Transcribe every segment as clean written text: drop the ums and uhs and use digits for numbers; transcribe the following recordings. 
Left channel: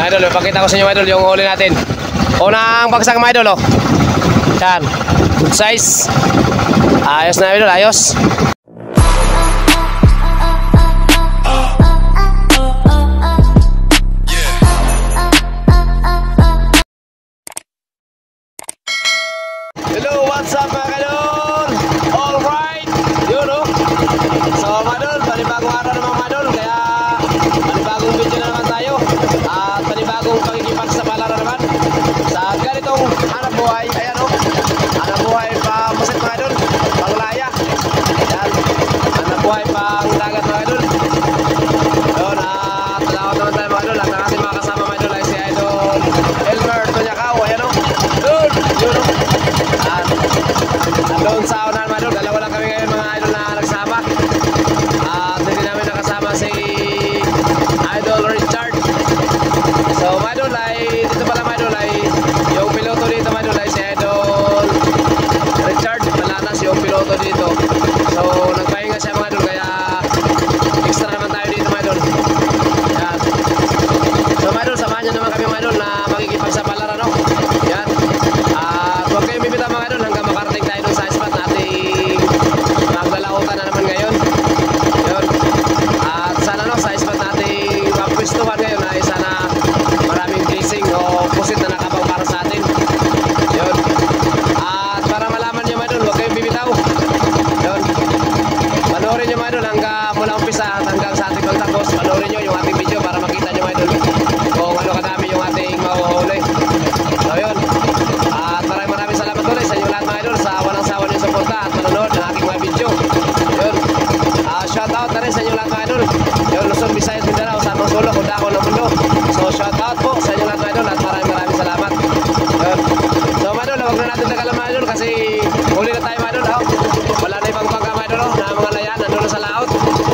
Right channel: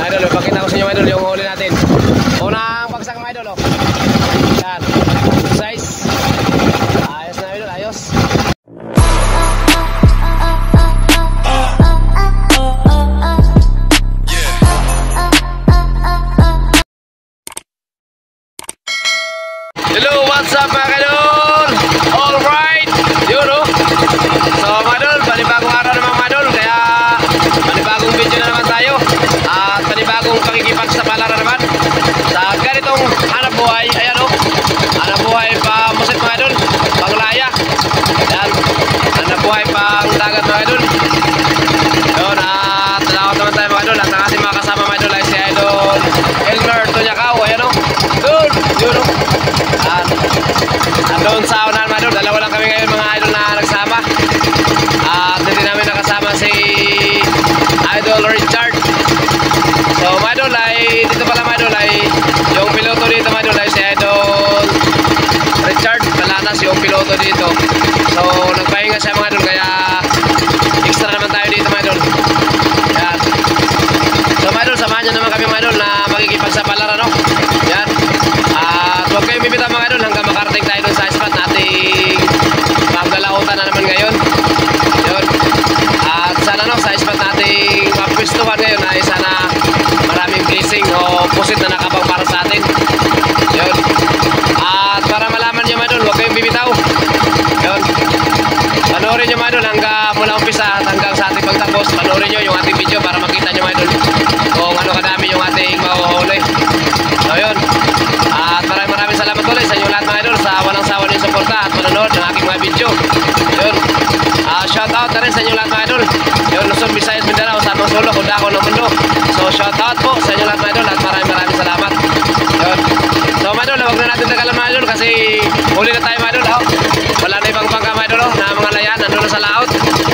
Idol, ipakita ko sa inyo idol yung huli natin. Unang bagsak mga idol, oh. Yan, good size. Ayos na idol, ayos. Hello, what's up mga idol? Alright, yun oh. So mga idol, panibagong araw naman mga idol. Kaya panibagong video na naman tayo. At panibagong pakikipagsapalaran naman sa ganitong hanap buhay. Ayan oh, hanap buhay pa musit mga idol, panglaya. Yan, hanap buhay pang dagat mga idol. Yun, at talakot naman tayo mga idol. At ang ating mga kasama mga idol ay si Idol Elmer Tunyakaw. Ayan oh, doon, yun oh. Doon sa unahan mga idol, dalawa lang kami ngayon mga idol na nagsama. At hindi namin nakasama si Idol Richard. So mga idol ay, dito pala mga idol ay, yung piloto dito mga idol ay si Idol Richard Balanas, yung piloto dito. So nagpahinga siya mga idol, kaya extra naman tayo dito mga idol. Yan. So mga idol, samahan nyo naman kami mga idol na makikipagsapalaran, no? Yan. At huwag kayong bibitaw mga idol hanggang makarating tayo dun sa spot nating maglalautan na naman ngayon. Yun. At sana no, sa spot nating mapwistuhan ngayon ay sana maraming blessing o pusit na nakabang para sa atin. Yun. At para malaman nyo mga idol, huwag kayong bibitaw. Yun. Panoorin nyo mga idol hanggang mula umpisa at hanggang sa ating pagtapos. Panoorin nyo yung ating video para makita nyo mga idol kung ano kadami yung ating mahuhuli. So yun. At maraming salamat ulit sa inyo lahat mga idol sa walang sawa niyong suporta at manonood ng aking mga video. Yun. Shout out na rin sa inyo lahat mga idol. Yun, Luzon, Visayas, Mindanao, San Sulok, Udako ng mundo. So shout out po sa inyo lahat mga idol at maraming salamat. Yun. So mga idol, huwag na natin tagalan mga idol kasi huli na tayo mga idol. Oh. Wala na ibang bangka mga idol, oh, na mga layan, nandun na sa laot.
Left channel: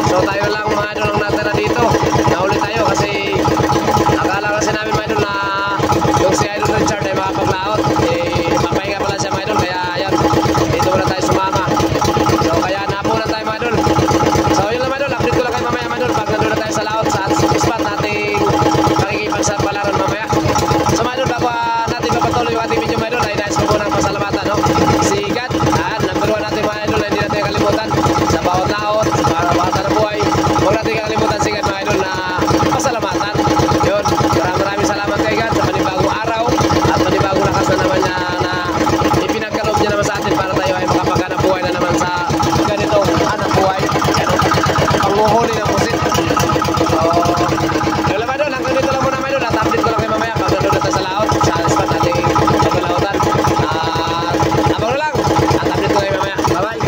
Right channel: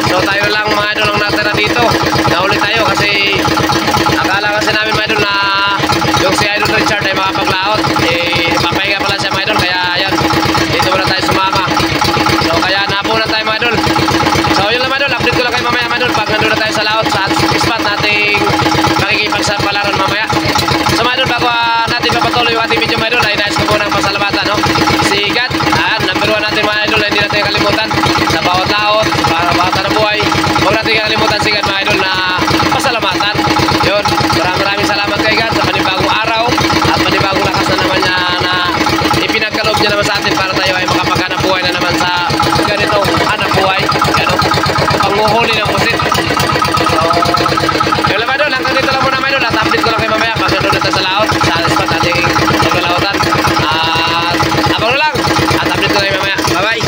So tayo lang mga idol ang natira dito. Nahuli tayo kasi akala kasi namin mga idol na yung si Idol Richard ay makapaglaot. Papahinga pala siya mga idol, kaya ayan, dito muna tayo sumama. So kaya napo na tayo mga idol. So yun lang mga idol, update ko lang kayo mamaya mga idol pag nandun na tayo sa laot sa spot nating makikipagsapalaran mamaya. So mga idol, bago natin papatuloy yung ating video mga idol, ay nais ko po ng pasalamatan, no? Si God, number 1 natin mga idol, hindi natin kalimutan sa bawat laot, sa bawat na buhay. Huwag natin kalimutan si God mga idol na pasalamatan. Yun, maraming salamat kay God sa panibagong araw at panibagong lakas na naman niya na ipinagkaloob niya naman sa atin para tayo ay makapaghanap buhay na naman sa ganitong hanap buhay. Ano? Panguhuli ng pusit. So, yun lang mga idol, hanggang dito lang muna mga idol at update ko lang kayo mamaya pag nandun natin sa laot, sa spot nating maglalautan. At abang na lang at update ko lang kayo mamaya. Bye bye!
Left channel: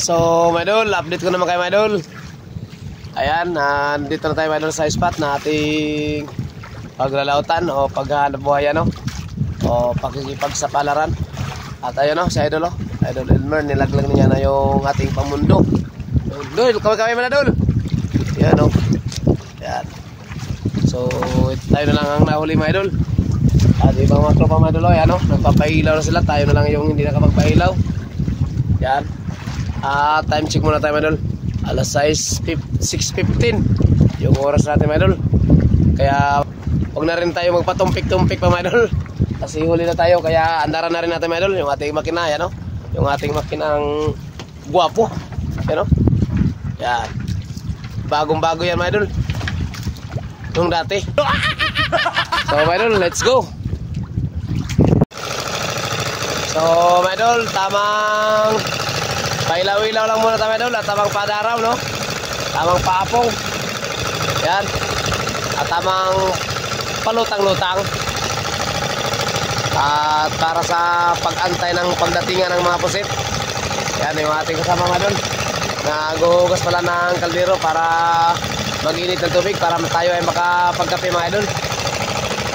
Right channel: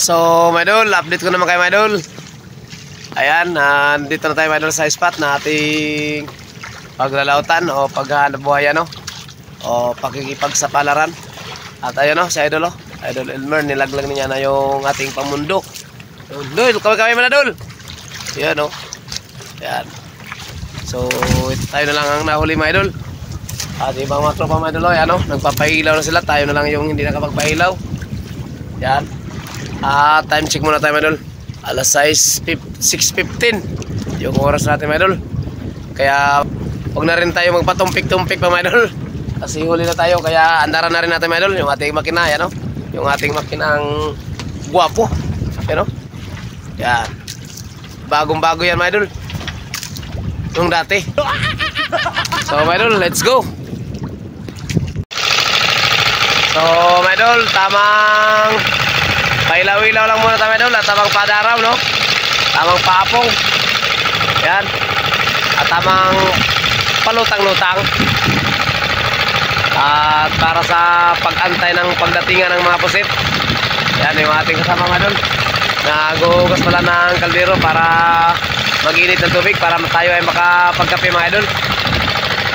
So mga idol, update ko naman kayo mga idol. Ayan, dito na tayo mga idol sa spot na ating paglalautan o paghahanap buhay, ano, o pakikipagsapalaran. At ayun o, si Idol o, Idol Elmer, nilaglag niya na yung ating pamundo. Dul, kami na dul. Ayan o. Ayan. So, ito tayo na lang ang nahuli mga idol. At ibang mga tropa mga idol o, ayan o, nagpapailaw na sila. Tayo na lang yung hindi nakapagpailaw. Ayan. Time check muna tayo mga idol. Alas 6:15 yung oras natin mga idol. Kaya huwag na rin tayo magpatumpik-tumpik pa mga idol, kasi huli na tayo. Kaya andaran na rin natin mga idol yung ating makina. Yan, no? Yung ating makinang guwapo. Yan, no? Yan. Bagong bago yan mga idol, yung dati. So mga idol, let's go. So mga idol, tamang pailaw-ilaw lang muna tayo mga idol. At tamang padaraw, no? Tamang paapong. Yan. At tamang palutang-lutang. At para sa pag-antay ng pagdatingan ng mga pusit. Yan yung ating kasama mga idol. Naguhugas pala ng kaldero para mag-init ng tubig para tayo ay makapagkape mga idol.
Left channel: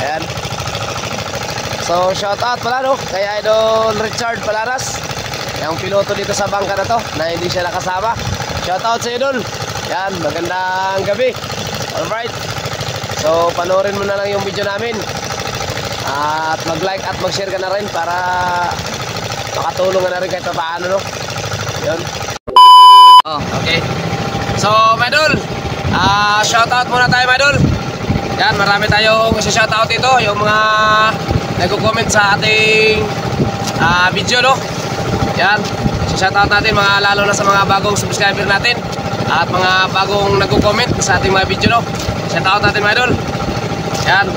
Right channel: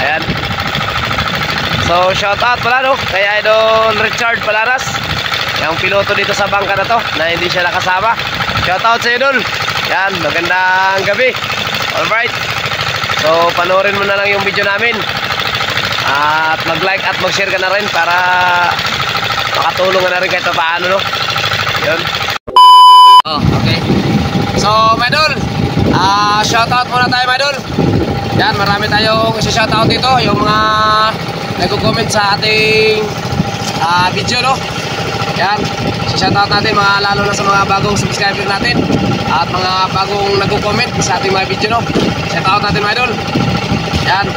Ayan. So shout out pala, no, kay Idol Richard Balanas, yung piloto dito sa bangka na to na hindi siya nakasama. Shout out sa idol. Yan, magandang gabi. Alright. So panoorin mo na lang yung video namin. At mag-like at mag-share ka na rin para makatulong na rin kahit paano, no? Yun. Oh, okay. So, mga idol, Shoutout muna tayo mga idol. Yan, marami tayong isa-shoutout dito. Yung mga nagko-comment sa ating video, no? Yan, isa-shoutout natin mga, lalo na sa mga bagong subscriber natin at mga bagong nagko-comment sa ating mga video, no? Shoutout natin mga idol. Yan,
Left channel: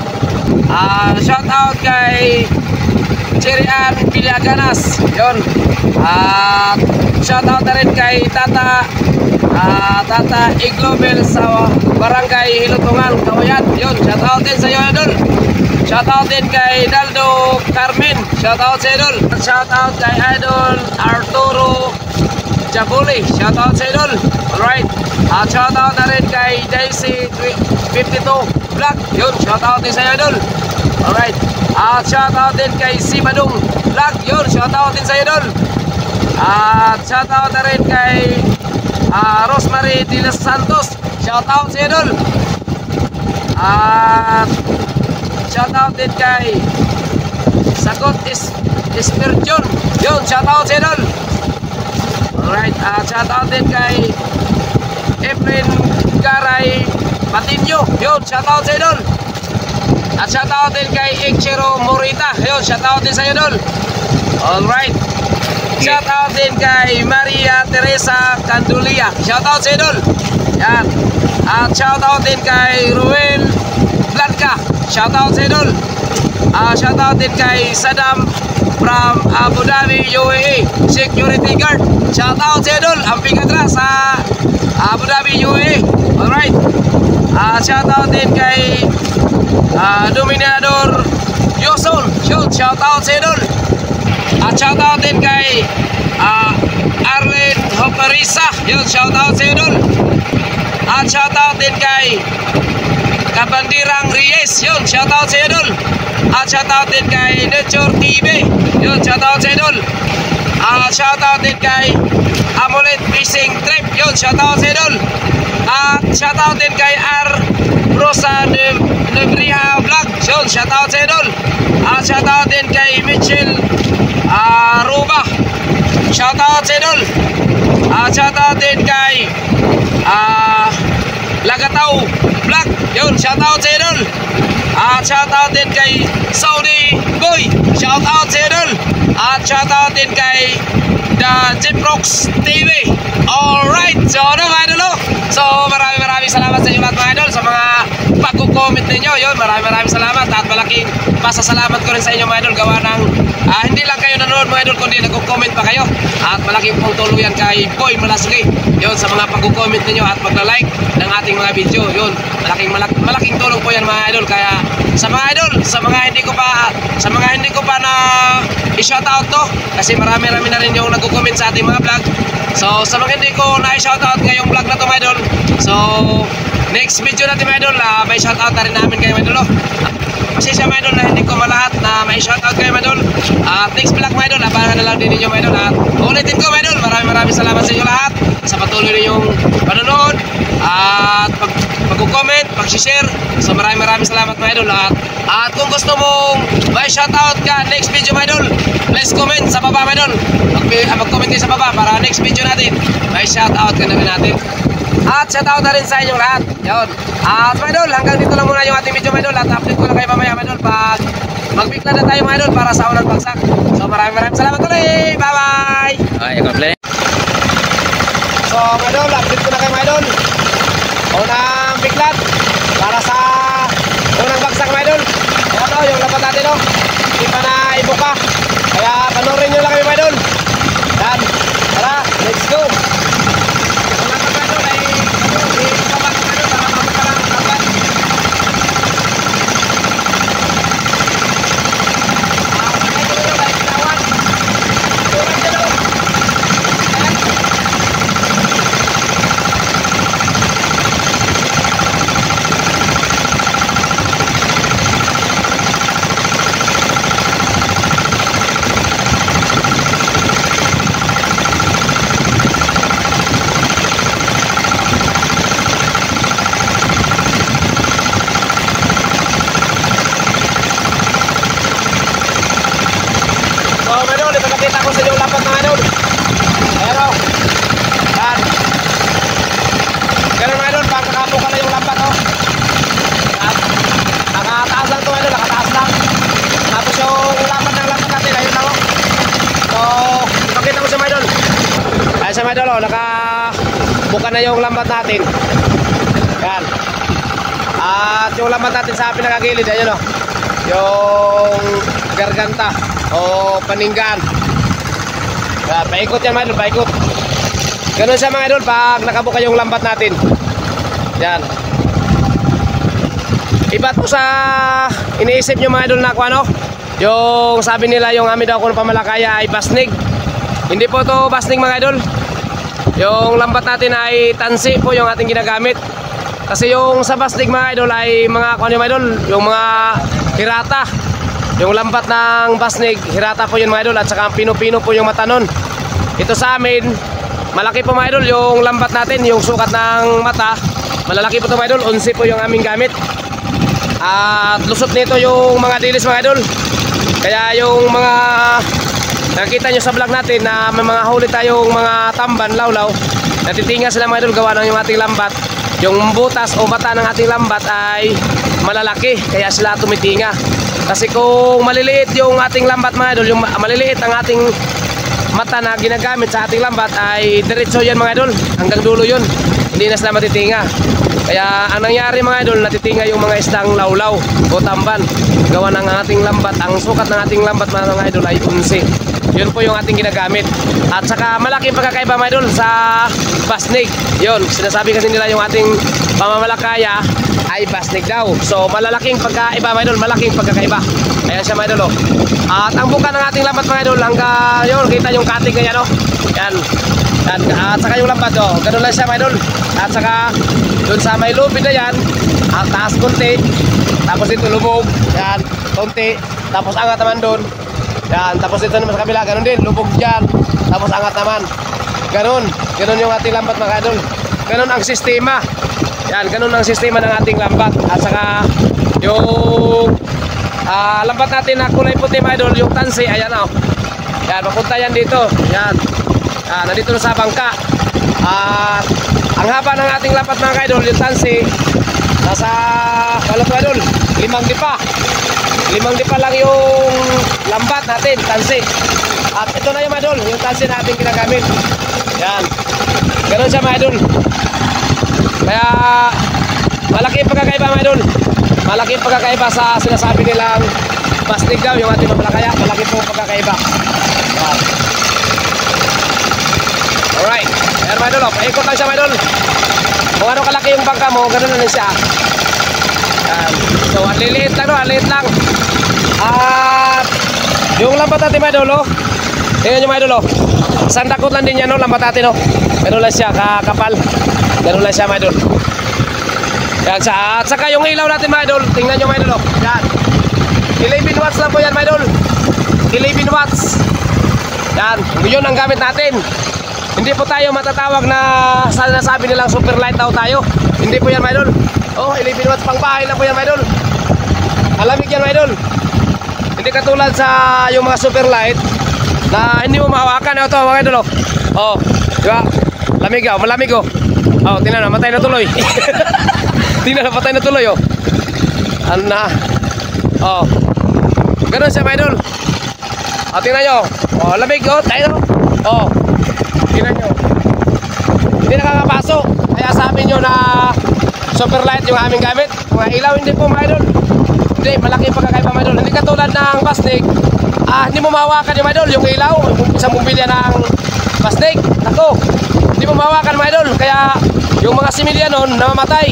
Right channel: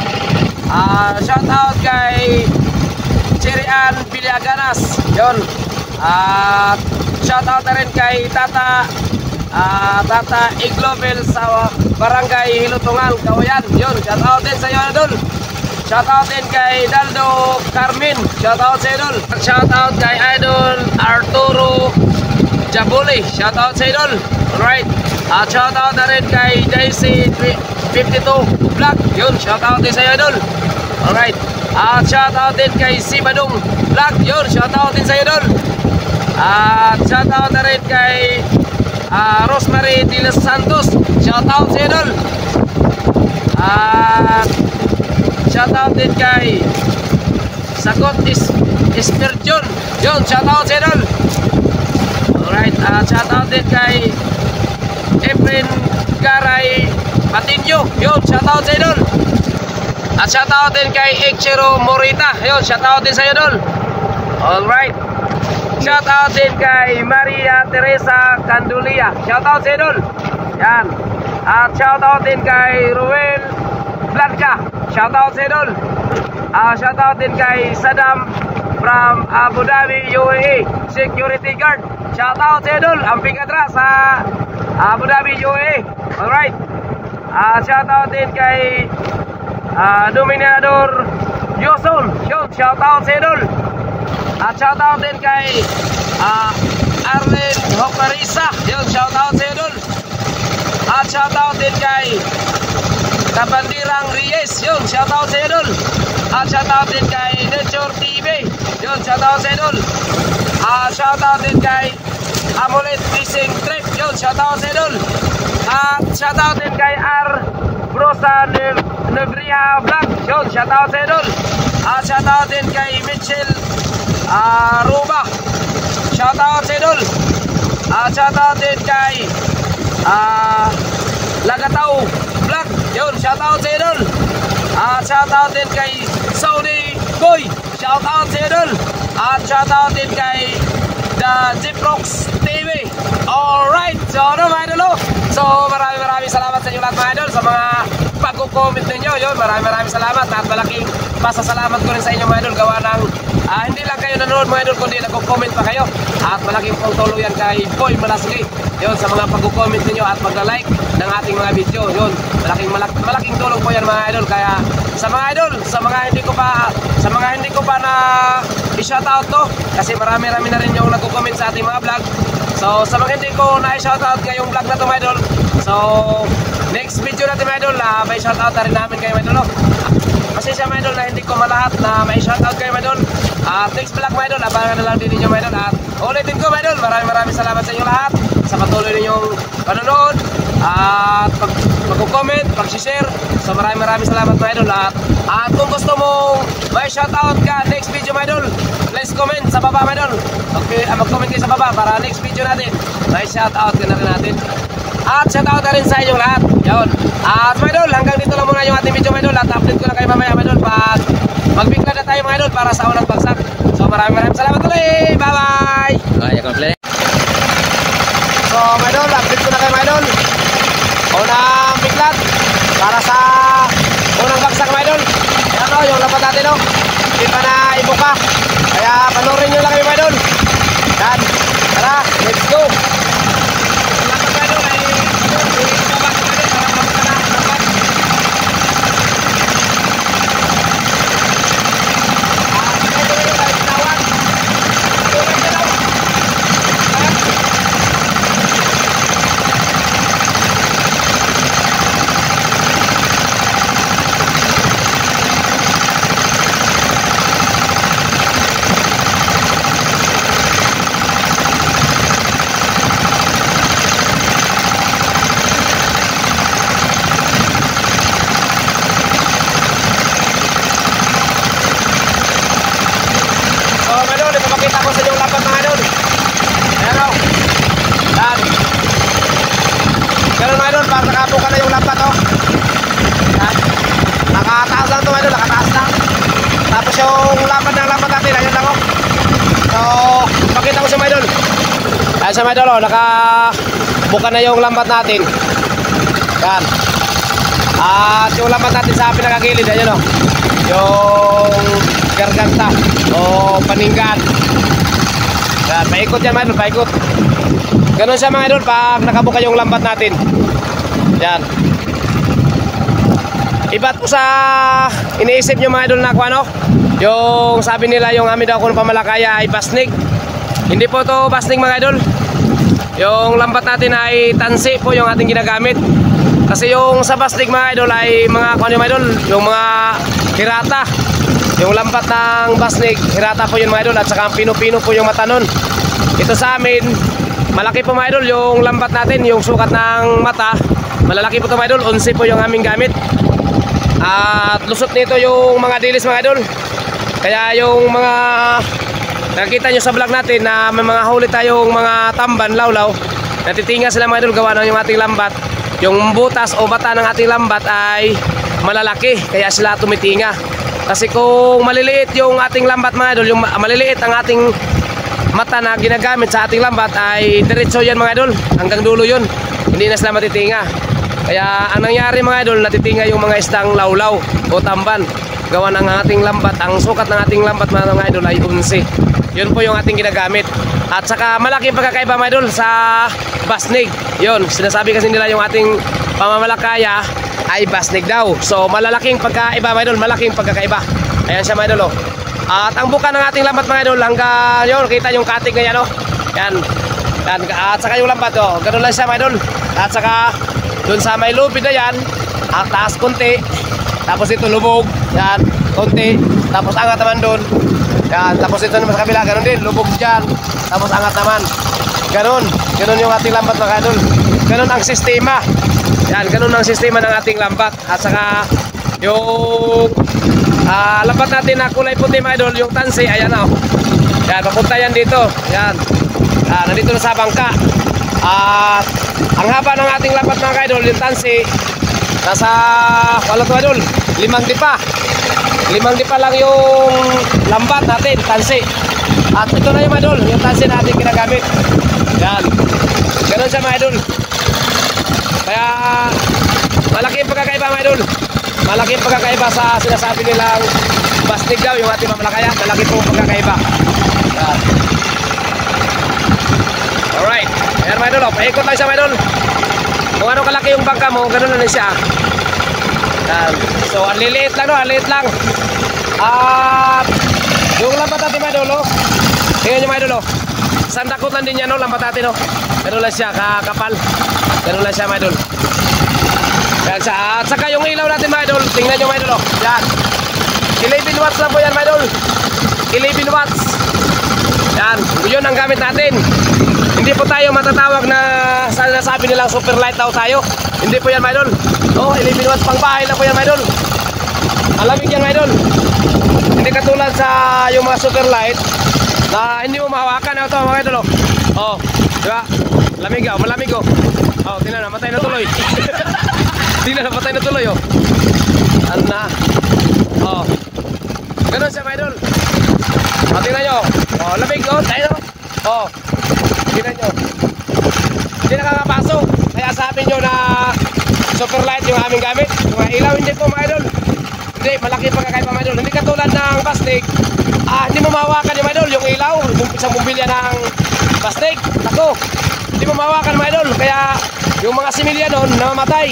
shoutout kay Cherian Villaganas. Yun. At shoutout na rin kay Tata Iglobel sa Barangay Hilutungan, Kawayan. Yun, shoutout din sa iyo idol. Shoutout din kay Daldo Carmen. Shoutout sa idol. Shoutout kay Idol Arturo Jabuli. Shoutout sa idol. Alright. At shoutout na rin kay Daisy 52 Vlog. Yun, shoutout din sa iyo idol. Alright. At shoutout din kay Sibadong Vlog. Yun, shoutout din sa iyo idol. At shoutout na rin kay Rosemary de los Santos. Shoutout sa idol. At shoutout din kay Sagot Espirjon. Yun, shoutout sa idol. Alright. At shoutout din kay Efren Garay Patinyo. Yun, shoutout sa idol. At shoutout din kay Ichiro Morita. Yun, shoutout din sa idol. Alright. Shoutout din kay Maria Teresa Candulia. Shoutout sa idol. Yan. At shoutout din kay Ruel Blanca. Shoutout sa idol. Shoutout din kay Saddam from Abu Dhabi, UAE. Security guard. Shoutout sa idol. Ang pingadra sa Abu Dhabi, UAE. Alright. Shoutout din kay Dominador Yoson. Shoutout sa idol. At shoutout din kay Arlen Hoparisa. Yun, shoutout sa idol. At shoutout din kay Kabandirang Reyes. Yun, shoutout sa idol. At shoutout din kay Nature TV. Yun, shoutout sa idol. Shoutout din kay Amulet Fishing Trip. Yun, shoutout sa idol. At shoutout din kay R. Rosa Nebriha Vlog. Yun, shoutout sa idol. At shoutout din kay Mitchell Ruba. Shoutout sa idol. Shoutout din kay Lagatao Vlog. Yun, shoutout sa idol. Shoutout din kay Saudi Boy. Shoutout sa idol. At shoutout din kay The Jiprox TV. Alright, so ano mga idol, so maraming salamat sa inyo lahat mga idol sa mga pag-comment ninyo. Yun, maraming salamat at malaking pasasalamat ko rin sa inyo mga idol. Gawa ng hindi lang kayo nanonood mga idol, kundi nag-comment pa kayo. At malaking pong tulong yan kay Boy Malasgi. Yun, sa mga pag-comment ninyo at pagla-like ng ating mga video. Yun, malaking tulong po yan mga idol. Kaya sa mga idol, sa mga hindi ko pa na i-shoutout to, kasi marami na rin yung nag-comment sa ating mga vlog. So sa mga hindi ko na i-shoutout ngayong vlog na to mga idol, so next video natin mga idol, may shoutout na rin namin kayo mga idol. Kasi siya mga idol na hindi ko malahat na may shoutout kayo mga idol. At next vlog mga idol, abangan na lang din ninyo mga idol. At ulitin ko mga idol, maraming salamat sa inyo lahat sa patuloy ninyong panonood at pag-comment, pag-share. So maraming salamat mga idol. At kung gusto mong may shoutout ka next video mga idol, please comment sa baba mga idol. Mag-comment kayo sa baba para next video natin may shoutout ka na rin natin. At shoutout na rin sa inyong lahat. Yun. At mga idol, hanggang dito lang muna yung ating video mga idol. At update ko na kayo mamaya mga idol pag magbigla na tayo mga idol para sa unang bagsak. So maraming salamat ulit. Bye bye. Okay, complete. So mga idol, update ko na kayo mga idol. Unang biglat para sa unang bagsak mga idol. Ayan o, yung lapat natin o. Hindi pa na ibuka. Kaya panoorin nyo lang kami mga idol. Yan. Tara, let's go. Salamat mga idol ay ibabak mga idol para mabuka na ang lapat. Mga idol ay tawan. Tulad nyo daw. Ayan. Ipapakita ko sa inyo lapat mga idol. Ayan o. Yan. Ganun mga idol, pag nakabuka na yung lambat, oh. Yan. Nakataas lang ito mga idol, nakataas lang. Tapos yung lambat ng lambat natin, ayun lang, oh. So, pakita ko sa mga idol. Ayan sa mga idol, oh, nakabuka na yung lambat natin. Yan. At yung lambat natin sa pinakagilid, ayun, oh. Yung garganta o paninggan. Yan, paikot yan mga idol, paikot. Ganun siya mga idol pag nakabuka yung lambat natin. Yan. Iba po sa iniisip nyo mga idol na kung ano, yung sabi nila yung amin daw kung pamalakaya ay basnig. Hindi po to basnig mga idol. Yung lambat natin ay tansi po yung ating ginagamit. Kasi yung sa basnig mga idol ay mga kung ano mga idol, yung mga hirata. Yung lambat ng basnig, hirata po yun mga idol. At saka pino-pino po yung mata nun. Ito sa amin, malaki po mga idol yung lambat natin, yung sukat ng mata. Malalaki po ito mga idol, 11 po yung aming gamit. At lusot nito yung mga dilis mga idol. Kaya yung mga nakita nyo sa vlog natin na may mga huli tayong mga tamban, lawlaw, natitinga sila mga idol gawa ng yung ating lambat. Yung butas o mata ng ating lambat ay malalaki, kaya sila tumitinga. Kasi kung maliliit yung ating lambat mga idol, yung maliliit ang ating mata na ginagamit sa ating lambat ay diretso yan mga idol, hanggang dulo yun, hindi na sila matitinga. Kaya ang nangyari mga idol, natitinga yung mga isdang lawlaw o tamban gawa ng ating lambat. Ang sukat ng ating lambat mga idol ay 11. Yun po yung ating ginagamit. At saka malaking pagkakaiba mga idol sa basnig. Yun, sinasabi kasi nila yung ating pamamalakaya ay basnig daw. So malalaking pagkaiba mga idol, malaking pagkakaiba. Ayan siya mga idol, oh. At ang buka ng ating lambat mga idol, hanggang yun, kita yung katig na yan, oh. Yan. Yan. At saka yung lambat, oh, ganun lang siya mga idol. At saka dun sa may lupid na yan, at taas konti, tapos ito lubog, yan, konti, tapos angat naman dun, yan, tapos ito naman sa kabila, ganun din, lubog dyan, tapos angat naman, ganun yung ating lambat mga idol. Ganun ang sistema, yan, ganun ang sistema ng ating lambat. At saka yung lambat natin na kulay puti mga idol, yung tansi, ayan, oh, yan, papunta yan dito, yan, nandito na sa bangka. At ang haba ng ating lambat mga idol, yung tansi, nasa wala to idol, 5 dipa. 5 dipa lang yung lambat natin, tansi. At ito na yung idol, yung tansi natin ginagamit. Yan. Ganun siya mga idol. Kaya malaki yung pagkakaiba mga idol. Malaki yung pagkakaiba sa sinasabi nilang basnig daw yung ating mamalakaya. Malaki po pagkakaiba. Yan. Alright. Ayan mga idol, oh. Paikot lang siya mga idol. Kung ano kalaki yung bangka mo, ganun na rin siya. Yan. So, ang liliit lang, no? Ang liliit lang. At yung lambat natin mga idol, oh. Tingnan nyo mga idol, oh. Sandakot lang din yan, no? Lambat natin, oh. Ganun lang siya, kakapal. Ganun lang siya mga idol. Yan siya. At saka yung ilaw natin mga idol, tingnan nyo mga idol, oh. Yan. 11 watts lang po yan mga idol. 11 watts. Yan. Yun ang gamit natin. Hindi po tayo matatawag na sinasabi nilang super light daw tayo. Hindi po yan mga idol. Oh, 11 watts pang bahay lang po yan mga idol. Alamig yan mga idol. Hindi katulad sa yung mga super light na hindi mo mahawakan. Ito mga idol, oh. Oh, diba? Lamig, oh, malamig, oh. Oh, tingnan na, matay na tuloy. Tingnan na, matay na tuloy, oh. Ano na? Oh. Ganun siya mga idol. Oh, tingnan nyo. Oh, lamig, oh, tayo. Oh. Tingnan nyo. Hindi nakakapasok. Kaya sabi nyo na super light yung aming gamit. Mga ilaw hindi po mga idol. Hindi, malaki pagkakaiba mga idol. Hindi katulad ng basnig. Hindi mo mahawakan yung mga idol. Yung ilaw, isang bumbilya ng basnig. Ako, hindi mo mahawakan mga idol. Kaya yung mga similya nun, namamatay.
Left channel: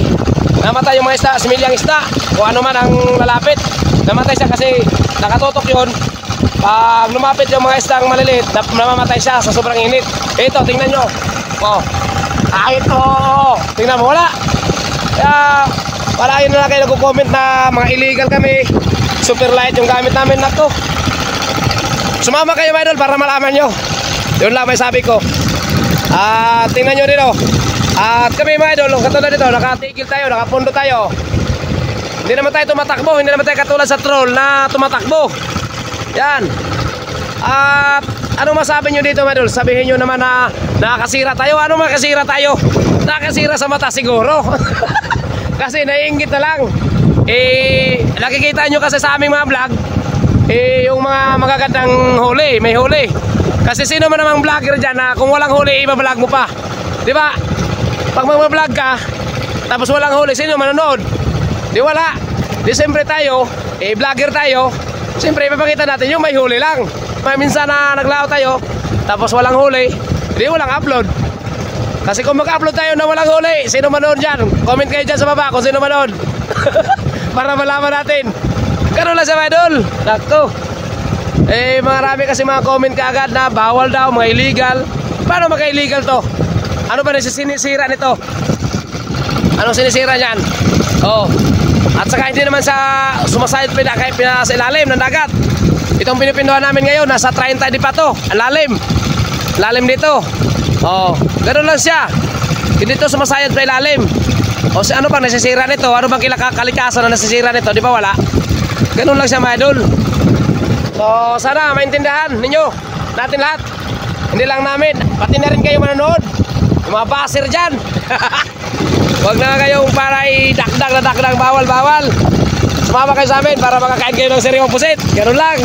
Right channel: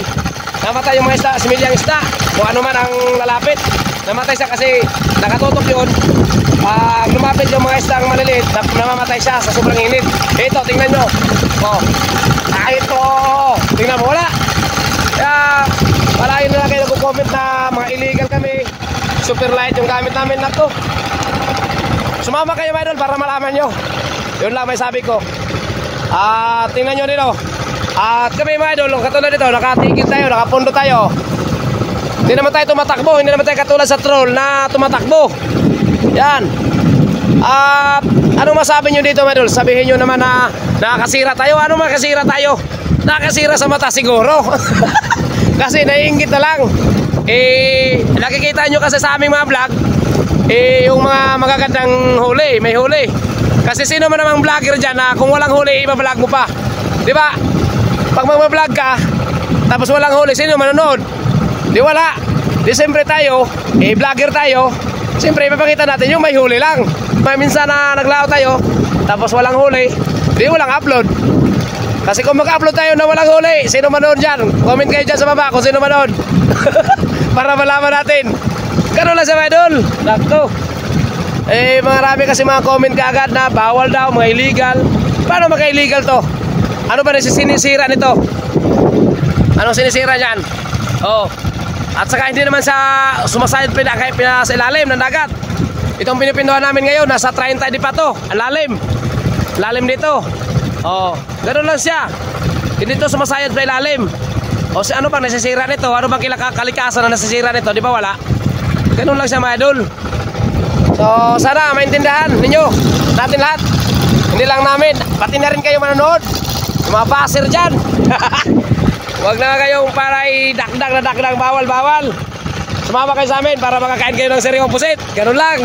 Namatay yung mga isda, similyang isda. Kung ano man ang lalapit. Namatay siya kasi nakatutok yun. Pag lumapit yung mga isdang maliliit, namamatay siya sa sobrang init. Ito, tingnan nyo. Oh. Ito. Tingnan mo, wala. Kaya, palain nila kayo nagko-comment na mga illegal kami. Super light yung gamit namin na to. Sumama kayo mga idol para malaman nyo. Yun lang may sabi ko. Tingnan nyo dito. At kami mga idol, katulad dito, nakatigil tayo, nakapundo tayo. Hindi naman tayo tumatakbo. Hindi naman tayo katulad sa troll na tumatakbo. Yan. At ano masabi nyo dito mga idol? Sabihin nyo naman na nakakasira tayo. Ano makasira tayo? nakasira sa mata siguro. Kasi naiinggit na lang. Nakikita nyo kasi sa aming mga vlog, yung mga magagandang huli, may huli. Kasi sino man namang vlogger dyan na kung walang huli, iba-vlog mo pa. Di ba? Pag mag-vlog ka, tapos walang huli, sino manonood? Di wala. Di siyempre tayo, vlogger tayo, siyempre ipapakita natin yung may huli lang. Minsan na naglao tayo, tapos walang huli, di walang upload. Kasi kung mag-upload tayo na walang huli, sino manood dyan? Comment kayo dyan sa baba kung sino manood. Para malaman natin. Ganun lang sa mga idol. Nakto. Marami kasi mga comment kaagad na bawal daw, mga illegal. Paano mga-illegal to? Ano ba sinisira nito? Anong sinisira dyan? Oh. At saka hindi naman sa sumasayad sa ilalim ng dagat. Itong pinipinduhan namin ngayon, nasa 30 di pa to. Lalim. Lalim dito. Oh, ganoon lang siya. Hindi to sumasayad sa ilalim. O ano bang nasisira nito? Ano bang kalikasan na nasisira nito? Di ba wala? Ganoon lang siya mga idol. So sana maintindihan ninyo, natin lahat. Hindi lang namin, pati na rin kayo manonood. Yung mga baser dyan. Huwag na kayong para dakdag na dakdag, bawal. Sumama kayo sa amin para makakain kayo ng sariwang pusit. Ganun lang.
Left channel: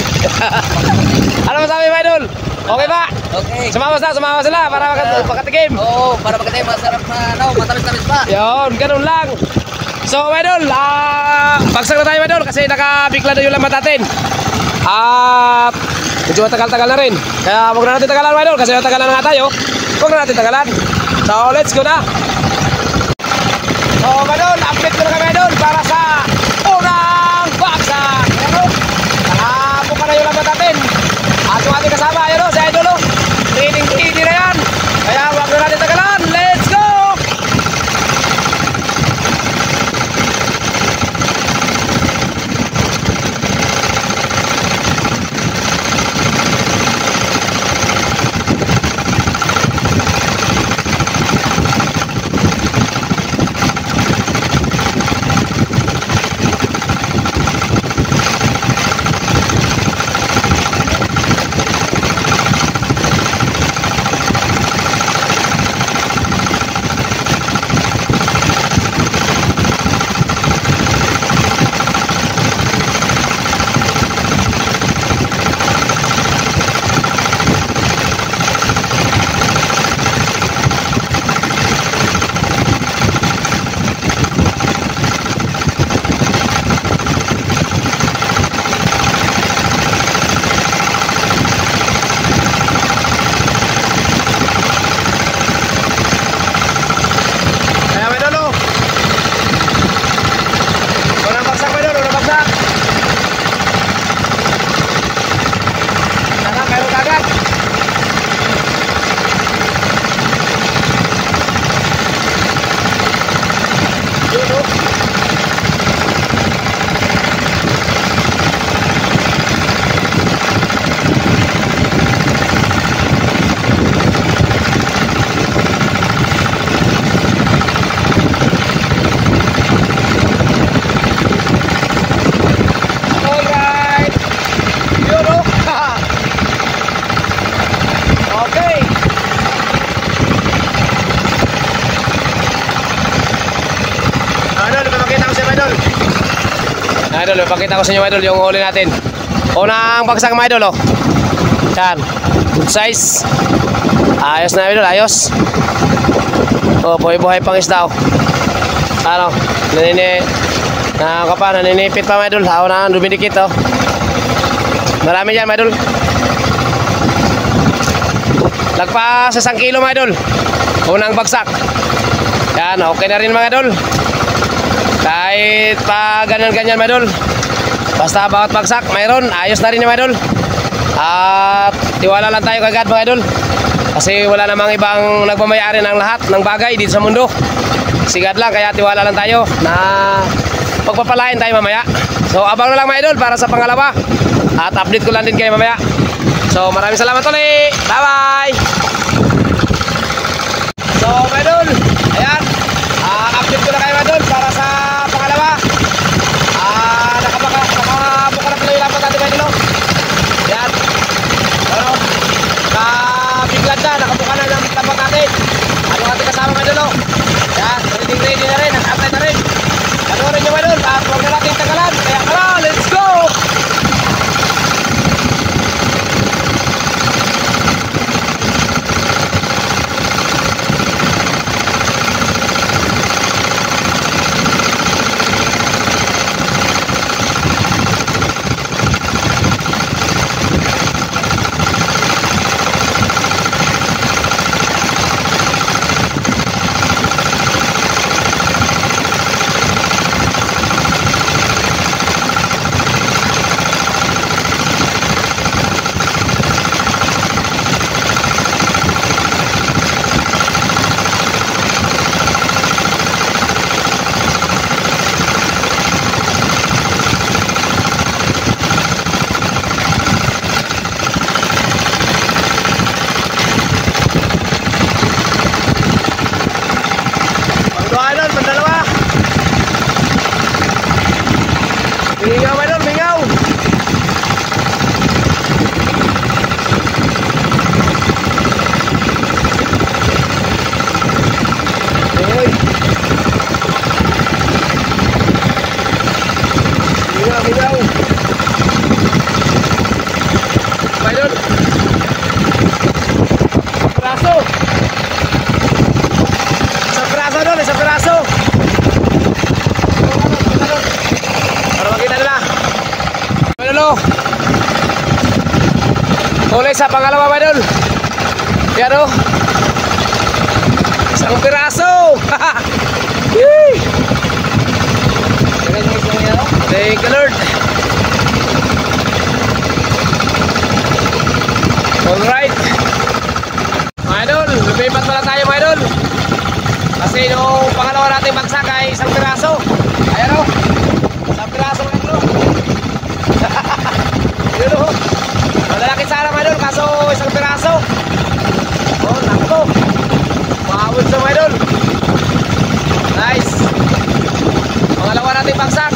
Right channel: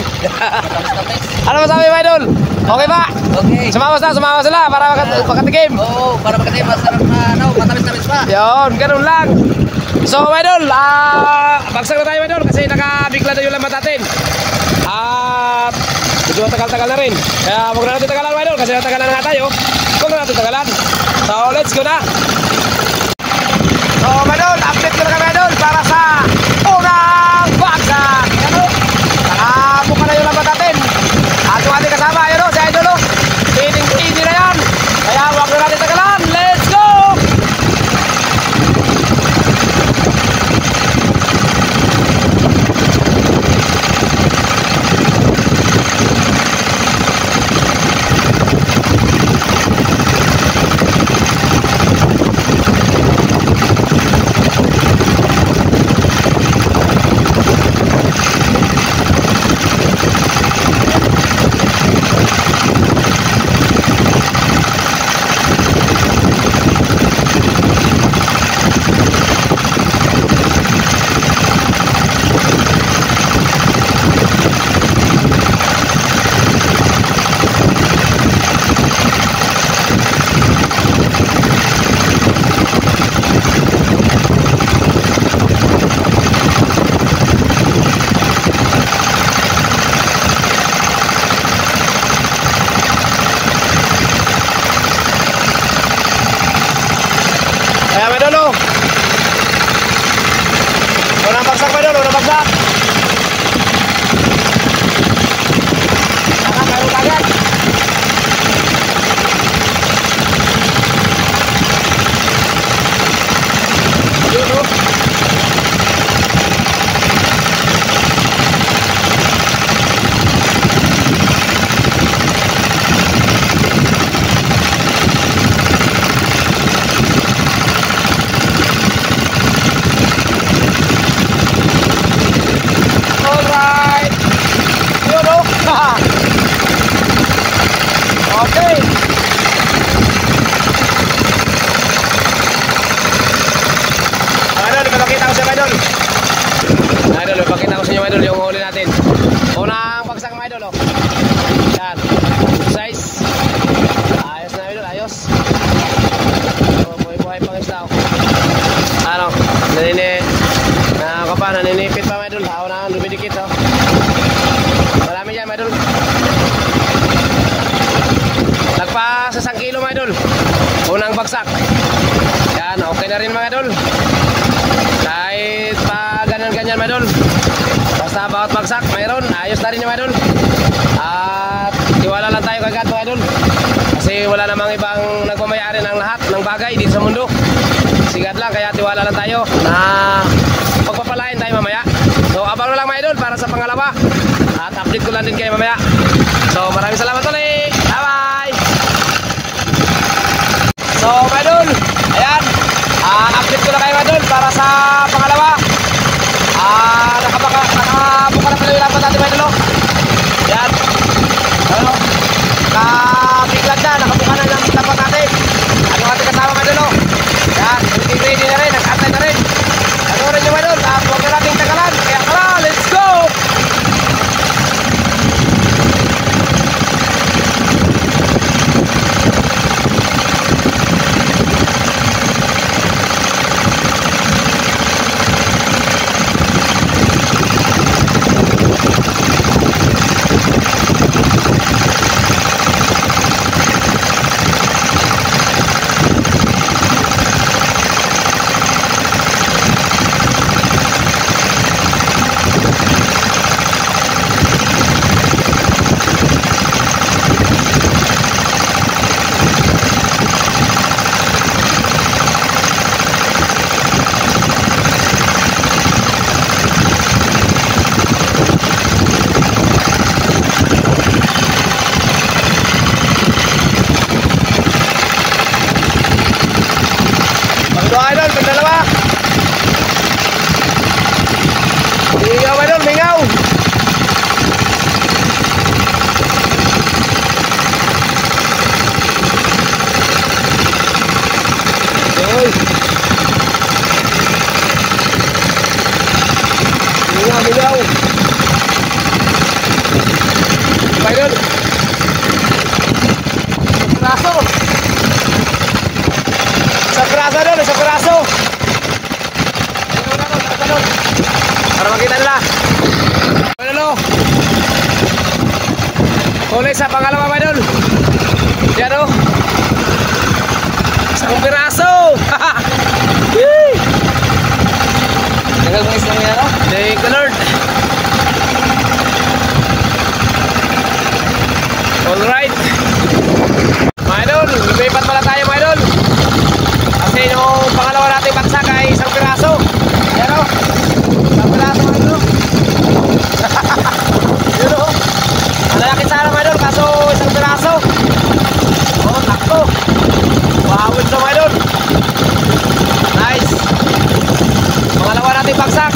Ano masabi mga idol? Okay ba? Okay. Sumama sila para makatikim. Oo, para makatikim. Masarap na, matamis-tamis pa. Yun, ganun lang. So mga idol, bagsak na tayo mga idol kasi nakabigla na yung lambat natin. Medyo matagal-tagal na rin. Kaya huwag na natin tagalan mga idol kasi natagalan na nga tayo. Huwag na natin tagalan. So let's go na. So mga idol, update ko na kami mga idol para sa unang bagsak. Nakabuka na yung lambat natin. At yung ating kasama, ayun o, si idol o. Pining-pini na yan. Kaya huwag na natin tagalan. Let's go! Okay. Idol, ipapakita ko sa inyo, idol. Idol, ipapakita ko sa inyo, idol, yung huli natin. Unang bagsak mga idol, oh. Yan. Good size. Ayos na, idol, ayos. Oh, buhay-buhay pang isda, oh. Ano, naninipit pa mga idol. Ako na dumidikit, oh. Marami dyan mga idol. Lagpas sa 1 kilo mga idol. Unang bagsak. Yan, okay na rin mga idol. Kahit pa ganyan-ganyan mga idol. Basta bawat bagsak mayroon, ayos na rin mga idol. At tiwala lang tayo kagad mga idol. Kasi wala namang ibang nagmamayari ng lahat ng bagay dito sa mundo. Sigad lang, kaya tiwala lang tayo na pagpapalain tayo mamaya. So abang na lang mga idol para sa pangalawa. At update ko lang din kayo mamaya. So maraming salamat ulit. Bye-bye. So mga idol, ayan, update ko na kayo mga idol para sa pangalawa. Nakabuka na pala yung lapat natin mga idol. Ayan, ano, nakabiglad na, nakabuka na yung lapat natin. Ano ating kasama mga idol. ready na rin, nag-atay na rin. Panoorin nyo idol at huwag na nating tagalan. Kaya tara, let's go! Idol, pandalawa. Mingaw idol, mingaw. Oy. Mingaw, mingaw. Idol. Peraso. Isang piraso. Para makita nila. Ano? Huli sa pangalawa ba idol? Yan o. Isang piraso. Thank you Lord. Alright. Mga idol, lumipat pala tayo mga idol. Kasi yung pangalawa nating baksak ay isang piraso. Ayan o. Isang piraso mga idol. Yun o. Malalaki sana mga idol kaso isang piraso. Oh, nakto. Wawid na mga idol. Nice. Pangalawa nating baksak.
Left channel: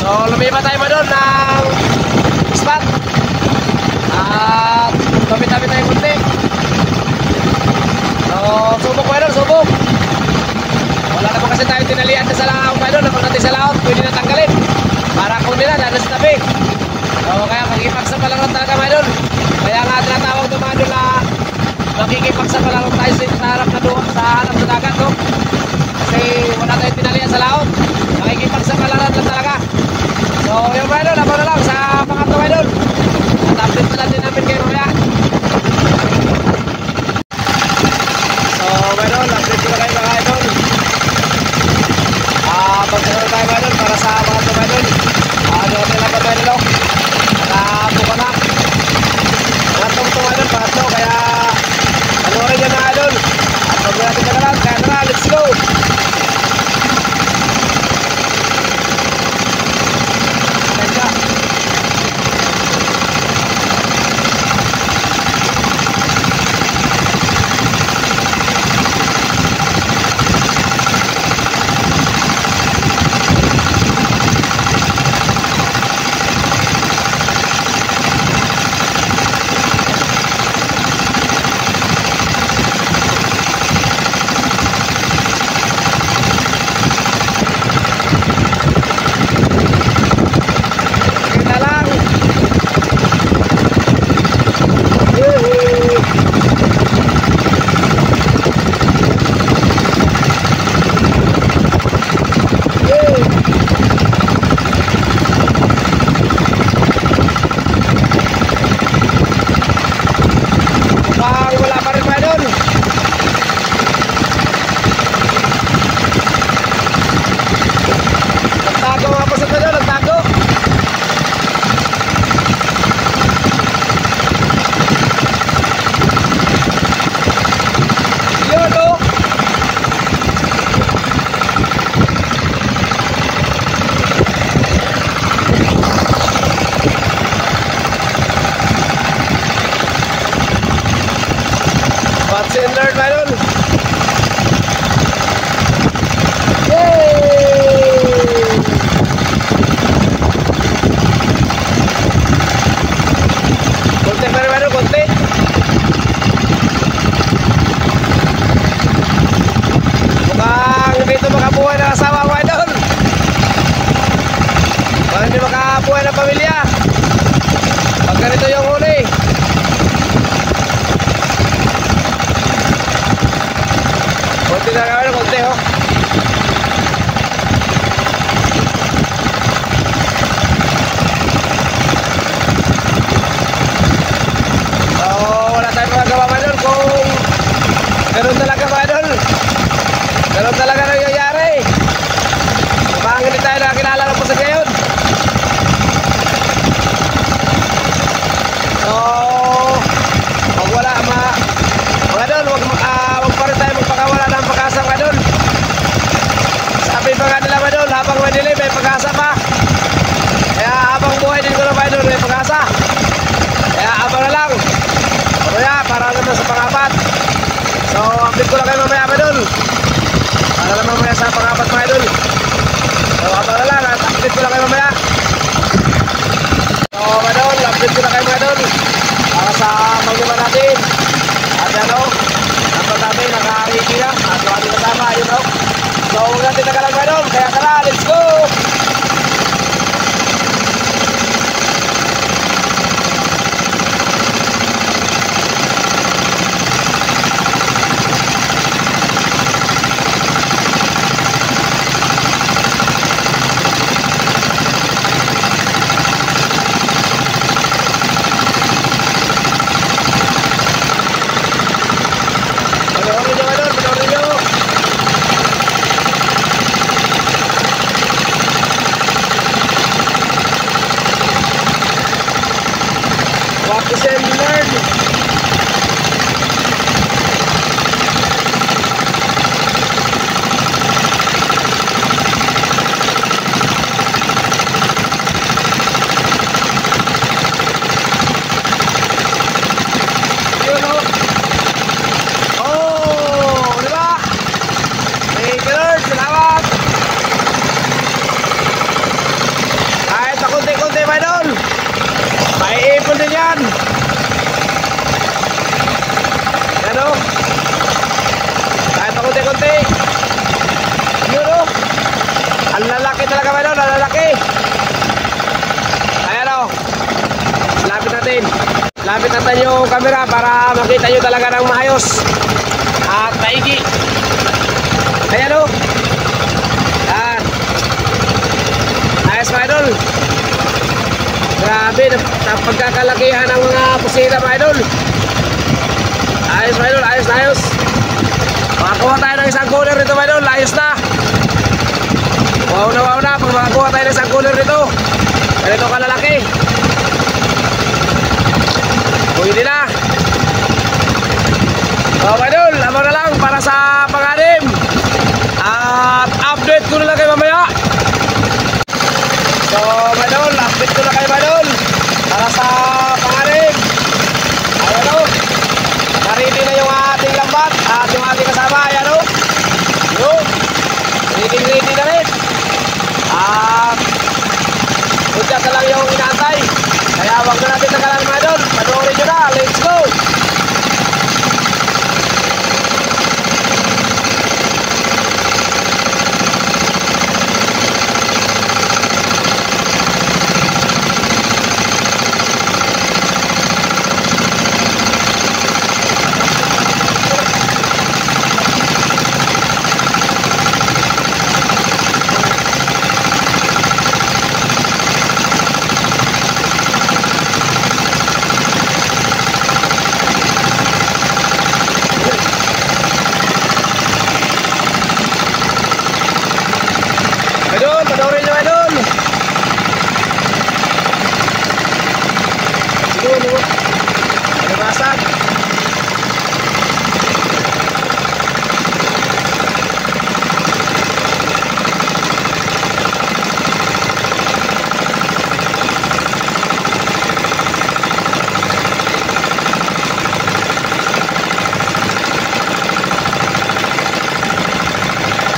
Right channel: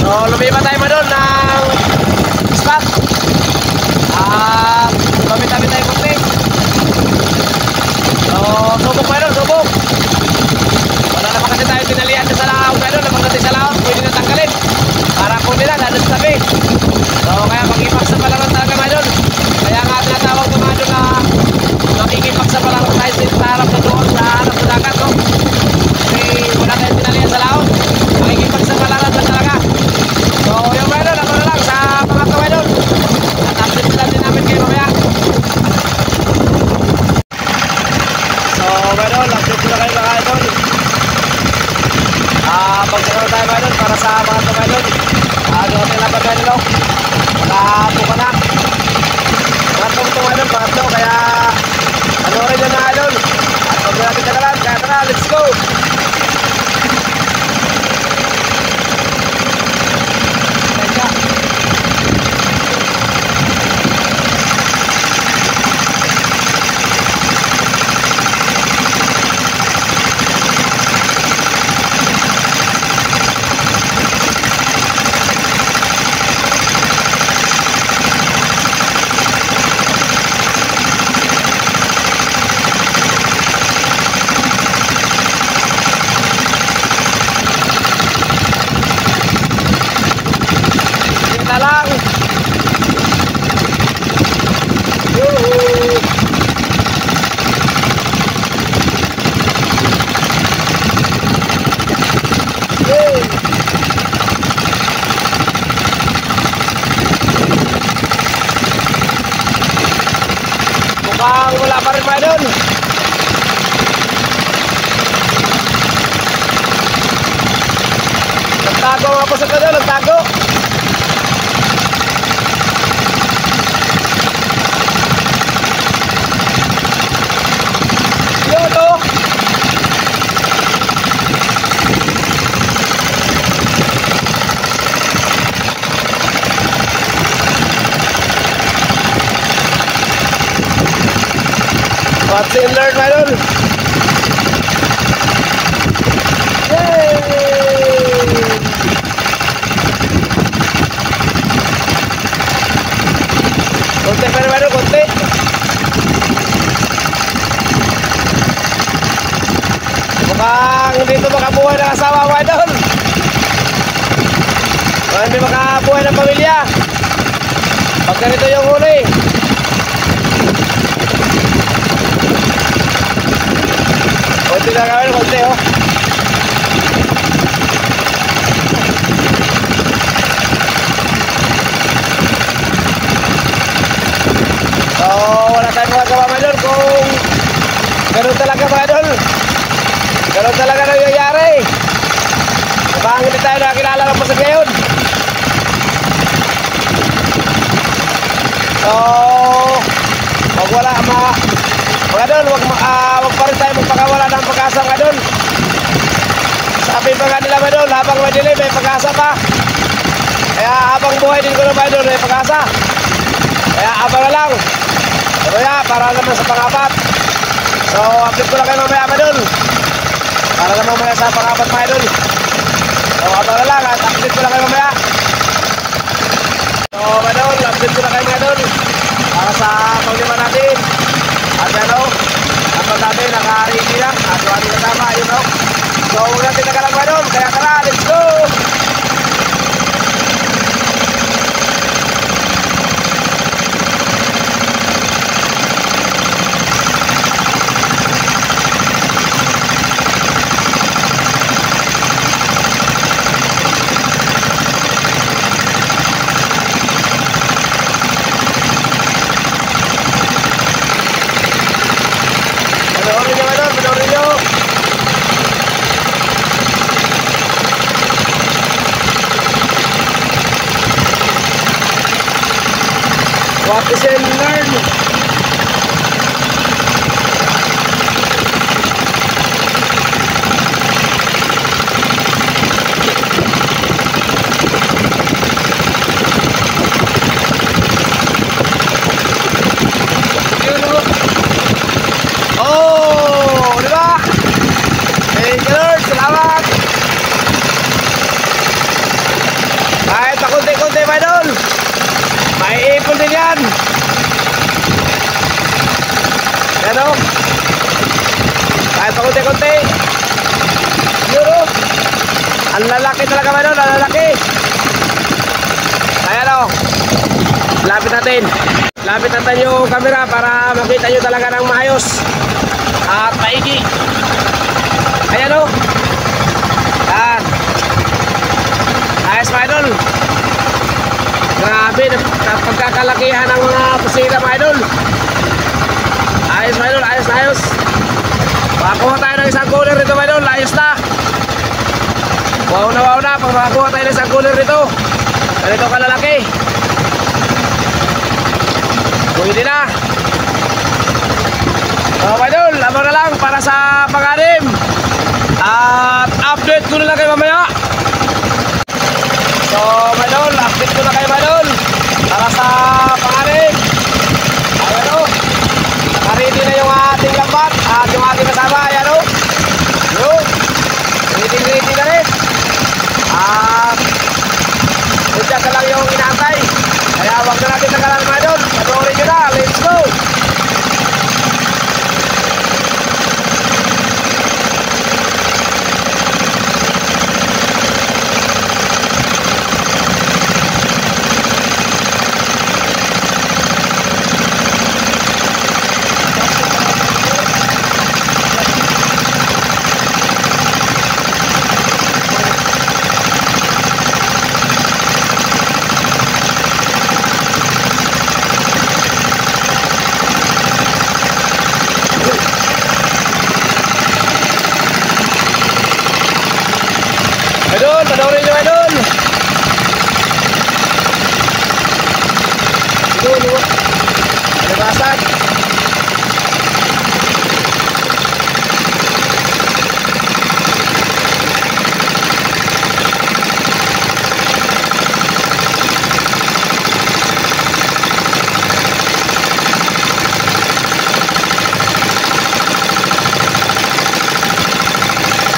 So lumipat tayo mga idol ng spot. At lumit-lumit tayo kunti. So, subok mga idol, subok. Wala naman kasi tayo tinalian sa laot mga idol. Napag natin sa laot, pwede na tanggalin. Para kung nila, lalo sa tabi. So, kaya pag-ipak sa palaran talaga mga idol. Kaya nga tinatawag ito mga idol na makikipak sa palaran tayo sa harap na doon, sa harap na dagat, no? Kasi wala tayo tinalian sa laot. Makikipak sa palaran lang talaga. So, yung mga idol, abang na lang sa pangatlo mga idol. At update lang din namin kayo mamaya. So, mga idol, update ko na kayo mga idol. Pagsasaroon tayo mga idol para sa mga ito mga idol. Ano natin laban mga idol. Nakapuka na. Pangatlong ito mga idol, pangatlo. Kaya, ano rin yan mga idol. At huwag na natin nagalan. Kaya tara, let's go! Mukhang wala pa rin mga idol. Nagtago nga po sa idol, nagtago. Yun o. Watch and learn mga idol. Yay! Konti pa rin mga idol, konti. Mukhang dito makabuhay ng asawa mga idol. Mukhang hindi makabuhay ng pamilya pag ganito yung huli. Konti ka gawin, konti oh. So wala tayong magagawa mga idol kung ganun talaga mga idol. Ganun talaga nangyayari. Mukhang hindi tayo nakakilala ng pusod ngayon. So wag wala mga idol, wag pa rin tayo magpakawala ng pag-asa mga idol. Sabi pa nga nila mga idol, habang madilim may pag-asa pa. Kaya habang buhay din ko na mga idol may pag-asa. Kaya abang na lang mamaya para naman sa pang-apat. So update ko lang kayo mamaya mga idol, para naman mamaya sa pang-apat mga idol. So abang na lang at update ko lang kayo mamaya. So mga idol, update ko lang kayo mga idol para sa paglima natin. At ano, dapat natin naka-ready na at yung ating kasama, yun o. So huwag natin nagalang mga idol, kaya tara, let's go! Watch and learn. Oh, di ba? Hey, girls, salamat. Kahit pa konti-konti, my idol. May ipon din yan. Yan o. Kahit pa konti-konti. Yun o. Ang lalaki talaga ba nun? Ang lalaki. Ayan o. Lapit natin. Lapit natin yung camera para makita nyo talaga ng maayos at maigi. Ayan o. Yan. Ayos mga idol. Grabe, pagkakalakihan ng mga pusila mga idol. Ayos mga idol, ayos na ayos. Makakuha tayo ng isang cooler dito mga idol, ayos na. Wow na, pag makakuha tayo ng isang cooler dito. Ganito kalalaki. Pwede na. So mga idol, lamang na lang para sa pang-anim. At update ko na lang kayo mamaya. So mga idol, update ko na kayo mga idol para sa pang-anim. Ayan o, naka-ready na yung ating lambat at yung ating kasama. Ayan o, yun, ready na rin. At punta na lang yung inaantay. Kaya huwag na natin nagalan mga idol. Panoorin nyo na, let's go. Idol, panoorin nyo idol. Siguro, alibasan.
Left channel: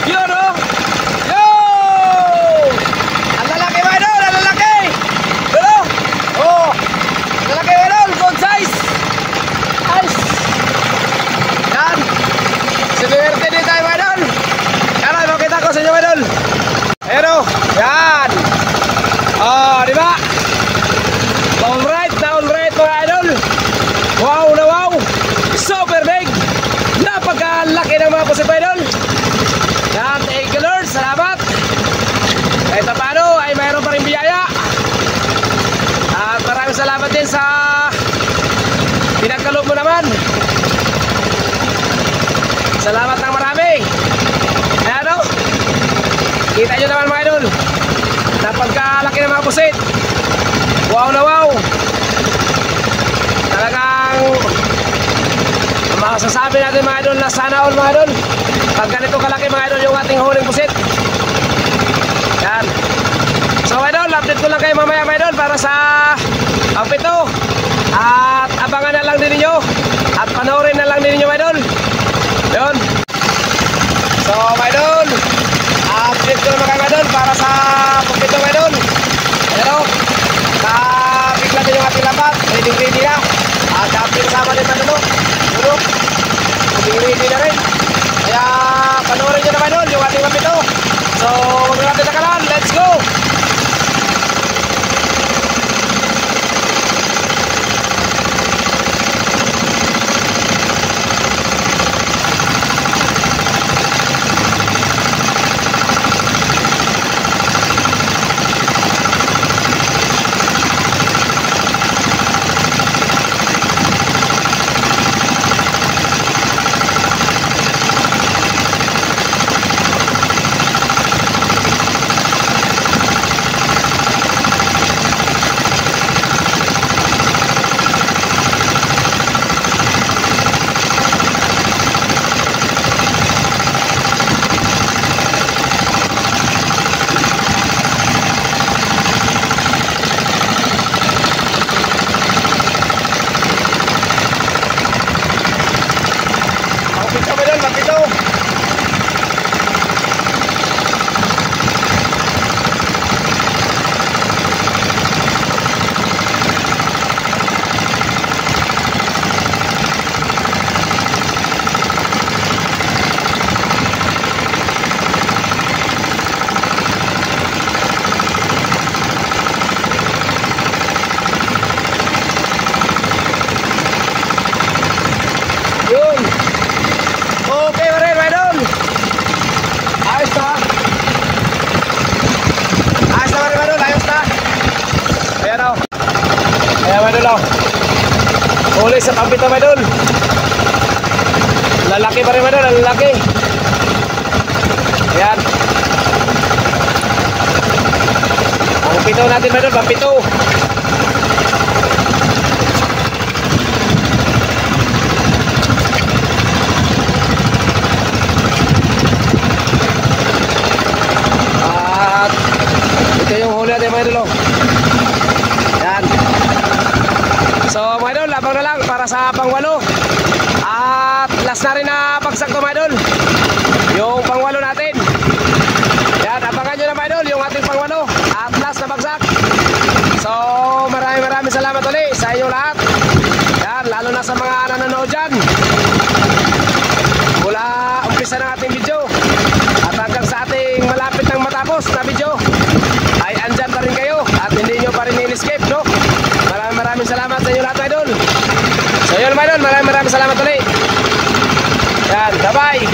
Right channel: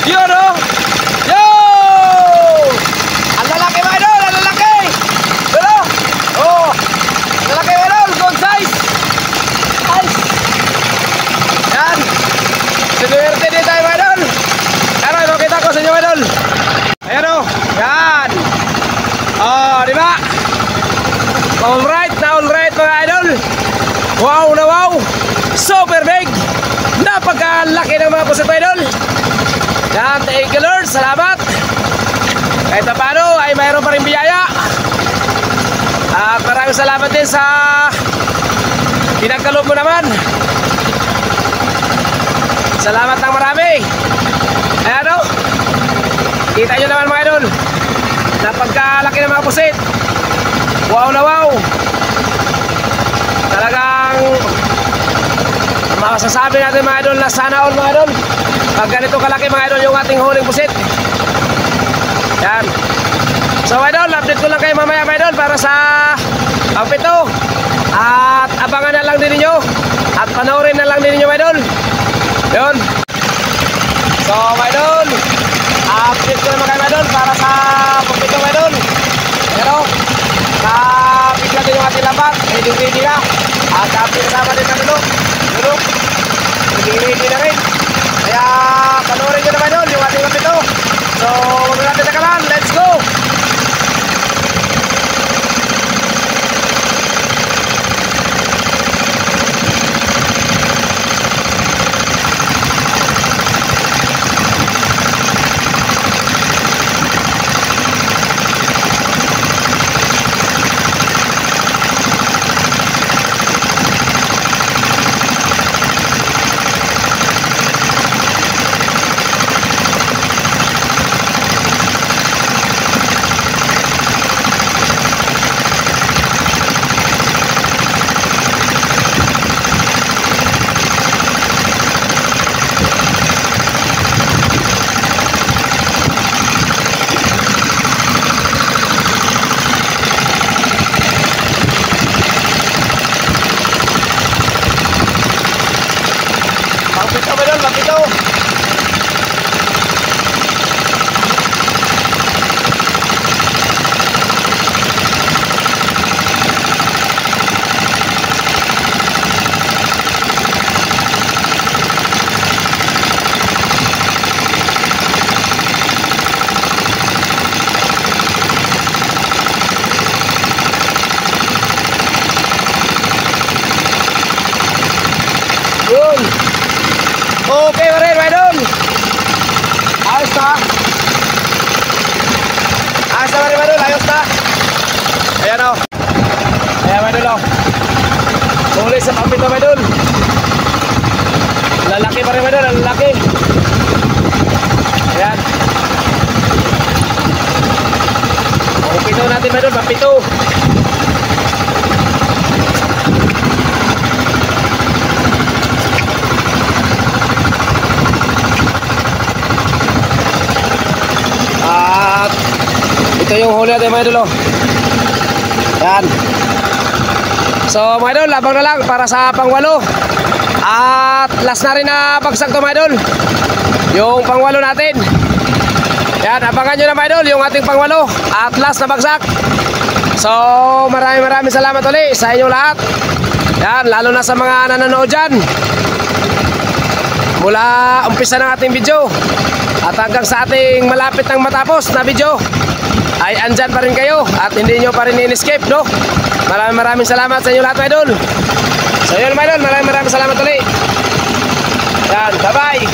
Yun o. Swerte din tayo mga idol. sa inyo, idol. Ayan o. Yan. Oh, di ba? Alright mga idol. Wow na wow. Super big. Napakalaki ng mga pusit, idol. Yan, thank you Lord. Salamat. Kahit na paano ay mayroon pa rin biyaya. At maraming salamat din sa pinagkaloob mo naman. Salamat ng marami. Ayan o. Kita nyo naman mga idol. Napagkalaki ng mga pusit. Wow na wow. Talagang masasabi natin mga idol na sana all mga idol. Pag ganito kalaki mga idol yung ating huling pusit. Yan. So idol, update ko lang kayo mamaya mga idol para sa pangpito. At abangan na lang din ninyo. At panoorin na lang din ninyo mga idol. Yun. So mga idol, update ko naman kayo mga idol para sa pangpito mga idol. Pero bigla din yung ating lambat. Ready na. At update kasama din mga idol. Yun. Ready na rin. Kaya panoorin nyo naman idol yung ating pangpito. So huwag natin nakalan. Let's go! Pangpito ba yun? Pangpito! Yun! Okay pa rin, mga idol. Ayos na. Ayos na mga idol, ayos na. Ayan o. Ayan mga idol o. Huli sa pangpito mga idol. Lalaki pa rin mga idol, lalaki. Ayan. Pangpito natin mga idol, pangpito. Ito yung huli natin mga idol. Yan. So mga idol, abang na lang para sa pangwalo. At last na rin na bagsak to mga idol. Yung pangwalo natin. Yan, abangan nyo na mga idol yung ating pangwalo. At last na bagsak. So maraming salamat ulit sa inyo lahat. Yan, lalo na sa mga nanonood dyan. Mula umpisa ng ating video at hanggang sa ating malapit ng matapos na video ay andyan pa rin kayo at hindi nyo pa rin in-escape, no? Maraming salamat sa inyo lahat, idol. So yun, mga idol, maraming salamat ulit. Yan, bye-bye.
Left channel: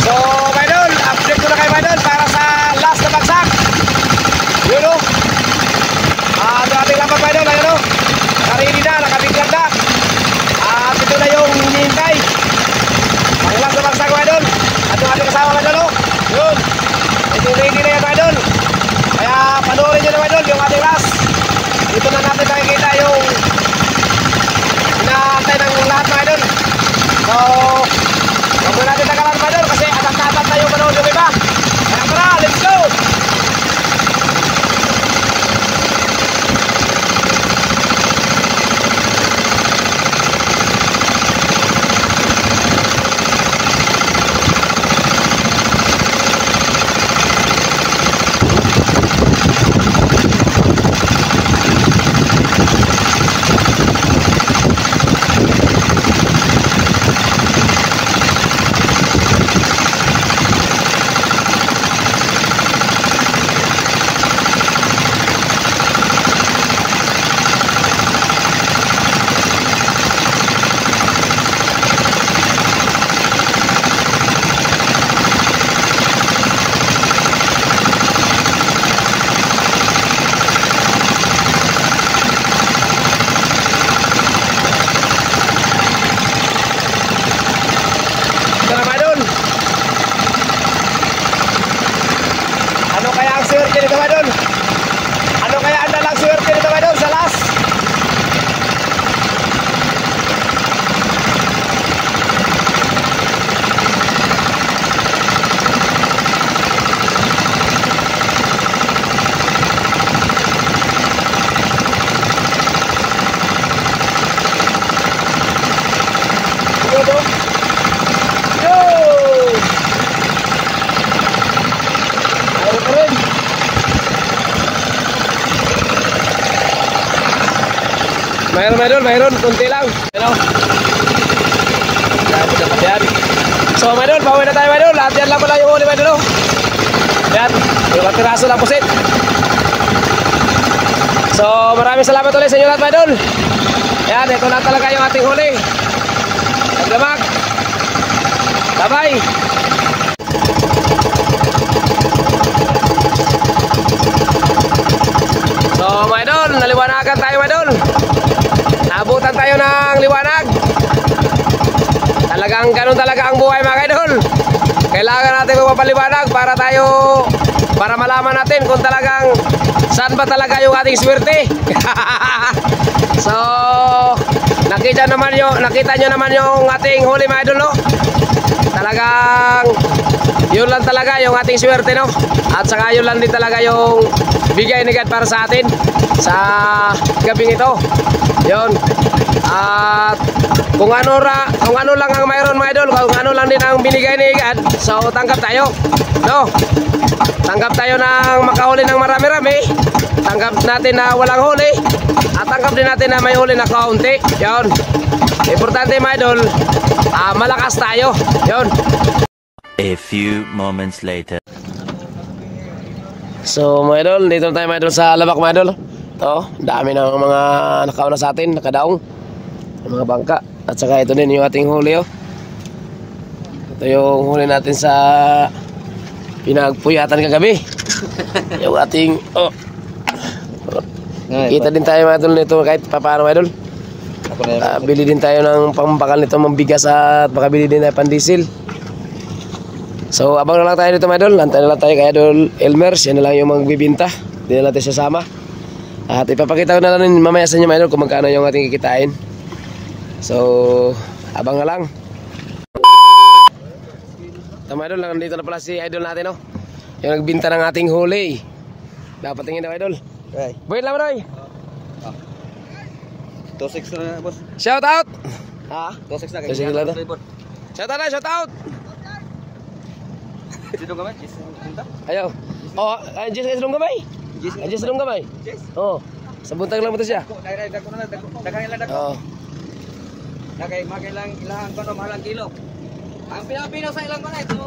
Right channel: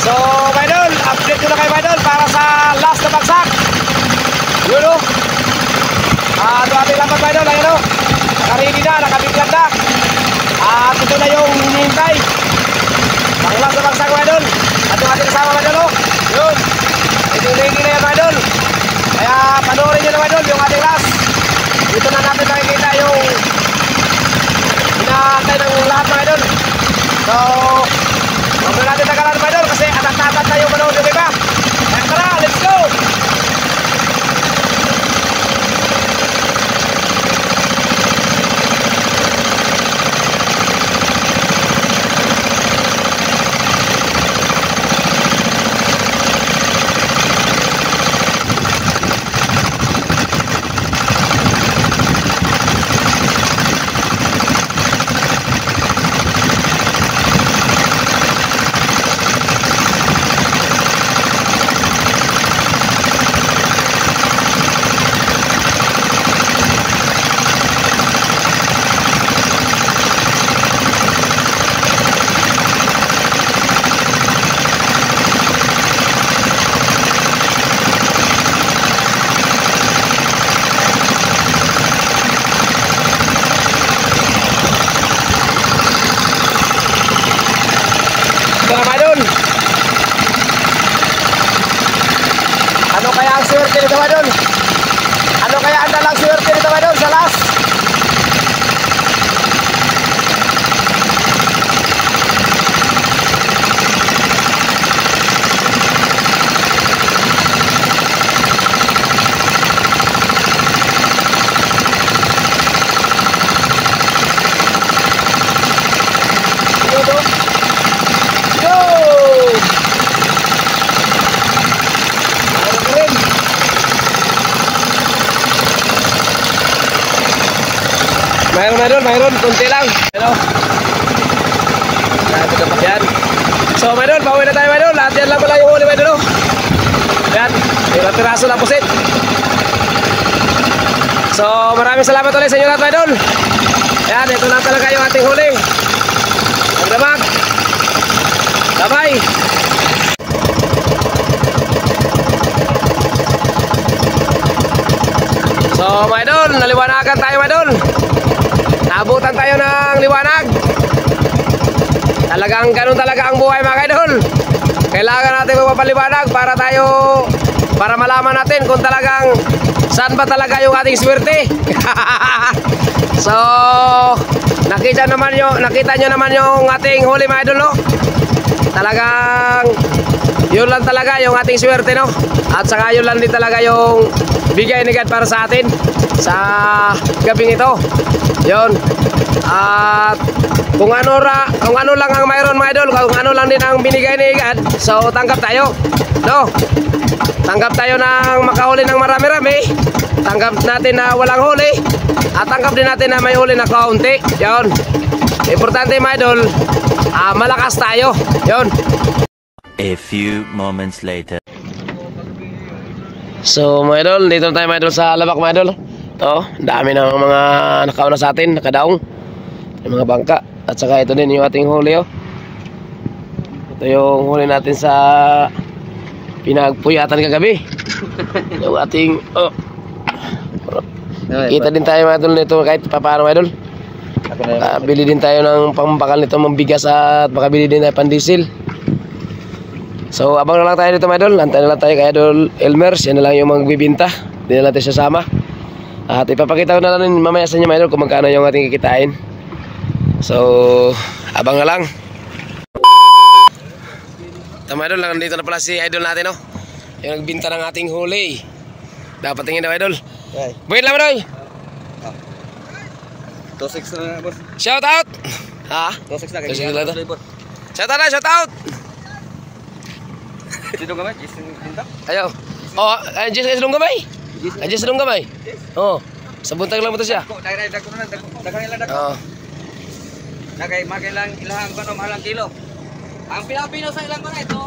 So mga idol, update ko na kayo mga idol para sa last na bagsak. Yun, no? Ito ating lapat mga idol, ayun, no? Nakaready na, nakabigyan na. At ito na yung hinihintay. Pang-last na bagsak mga idol. At yung ating kasama mga idol, no? Yun. Ready na yan mga idol. Kaya panoorin nyo na mga idol yung ating last. Dito na natin makikita yung inaantay ng lahat mga idol. So huwag na natin nagalan mga idol kasi atat na yung manood yung iba. Kaya tara, let's go! mga idol. Ano kaya ang dalang swerte nito mga idol sa last? Mayroon, kunti lang. Ano? Yan. So, mayroon, pauwi na tayo, mayroon. Lahat yan lang pala yung huli, mayroon. Yan, ilang piraso lang pusit. So, maraming salamat ulit sa inyo lahat, mayroon. Yan, ito lang talaga yung ating huli. Magdamag. Bye-bye. So, mga idol, naliwanagan tayo, mga idol. Naabutan tayo ng liwanag. Talagang ganun talaga ang buhay, mga idol. Kailangan natin magpapaliwanag para malaman natin kung talagang saan ba talaga yung ating swerte. So, nakita nyo naman yung ating huli, mga idol, no? Talagang yun lang talaga yung ating swerte, no? At saka yun lang din talaga yung bigay ni God para sa atin sa gabing ito. Yun. At kung ano lang ang mayroon, mga idol, kung ano lang din ang binigay ni God, so tanggap tayo, no? Tanggap tayo ng makahuli ng marami-rami, tanggap natin na walang huli, at tanggap din natin na may huli na kaunti. Yun. Importante, mga idol, malakas tayo. Yun. A few moments later. So, mga idol, dito tayo, mga idol, sa labak, mga idol. Ito, dami ng mga nakauna sa atin, nakadaong, yung mga bangka. At saka ito din yung ating huli, oh. Ito yung huli natin sa pinagpuyatan kagabi. Yung ating, oh. Kita din tayo, mga idol, nito kahit paano, mga idol. Bili din tayo ng pambakal nito, mambigas, at makabili din tayo pandiesel. So, abang na lang tayo dito, mga idol. Antay na lang tayo kay Idol Elmer. Yan na lang yung magbibinta. Hindi na natin siya sama. At ipapakita ko na lang mamaya sa inyo, mga idol, kung magkano yung ating kikitain. So, abang na lang. Ito, mga idol, nandito na pala si Idol natin, no? Yung nagbinta ng ating huli. Dapat tingin daw, Idol. Wait lang, Idol. 2-6 na, boss. Shout out. Ha? 2-6 na. 2-6 lang to. Shout out na, shout out. Dito ka ba? Jason Pinta? Ayaw. Oh, Jess Long gamay. Jess Long gamay. Oh, sa buntag lang mo to siya. Dagan nila Oh. Dagay lang ilang kuno mahalang kilo. Ang pinapinaw sa ilang kanay to.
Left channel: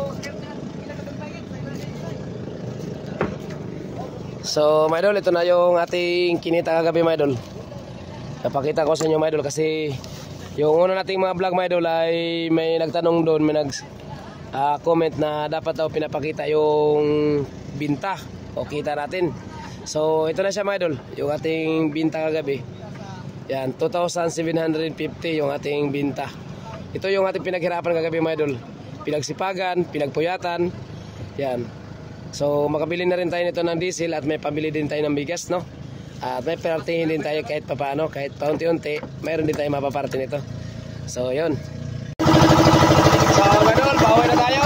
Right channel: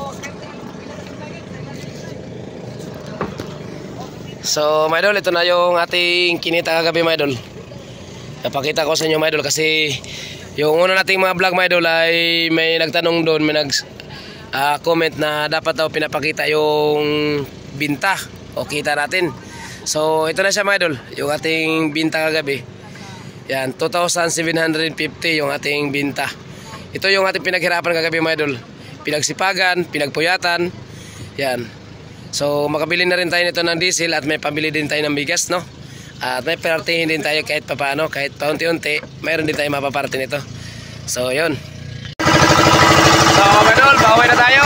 So, my idol, ito na yung ating kinita kagabi, my idol. Napakita ko sa inyo, my idol, kasi yung una nating mga vlog, my idol, ay may nagtanong doon, may comment na dapat daw pinapakita yung binta o kita natin. So ito na siya, mga idol, yung ating binta kagabi. Yan, 2,750 yung ating binta. Ito yung ating pinaghirapan kagabi, mga idol. Pinagsipagan, pinagpuyatan. Yan. So makabili na rin tayo nito ng diesel at may pabili din tayo ng bigas, no? At may partihin din tayo kahit papaano, kahit paunti-unti, mayroon din tayo mapaparte nito. So yun. So, mga idol, pauwi na tayo.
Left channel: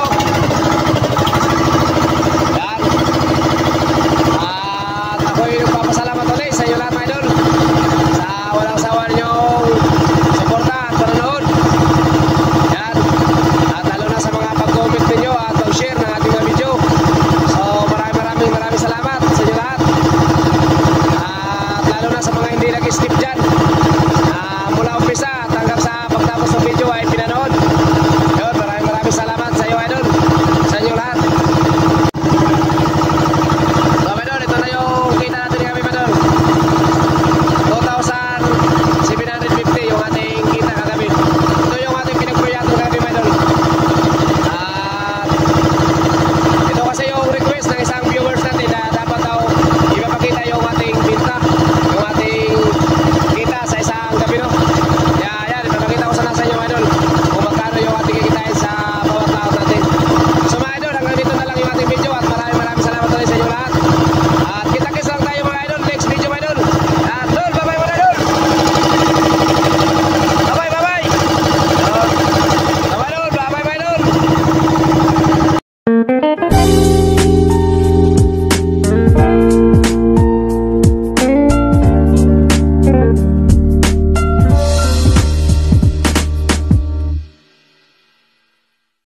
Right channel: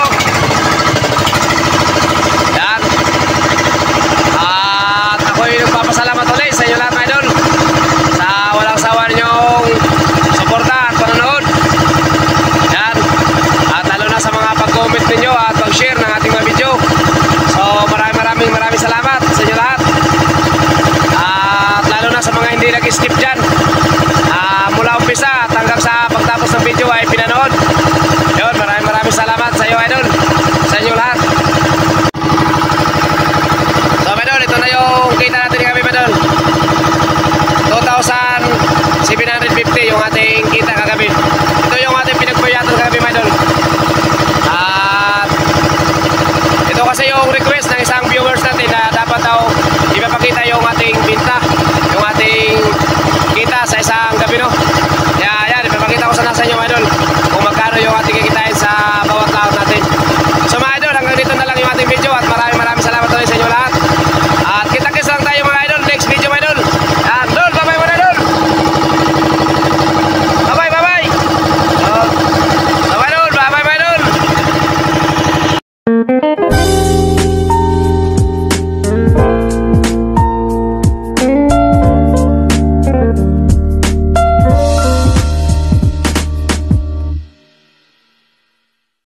Yan. At ako'y nagpapasalamat ulit sa inyo lahat, mga idol, sa walang sawa ninyong suporta at panonood. Yan. At lalo na sa mga pag-comment ninyo at pag-share ng ating mga video. So, maraming salamat sa inyo lahat. At lalo na sa mga hindi nag-skip dyan. Mula umpisa at hanggang sa pagtapos ng video ay pinanood.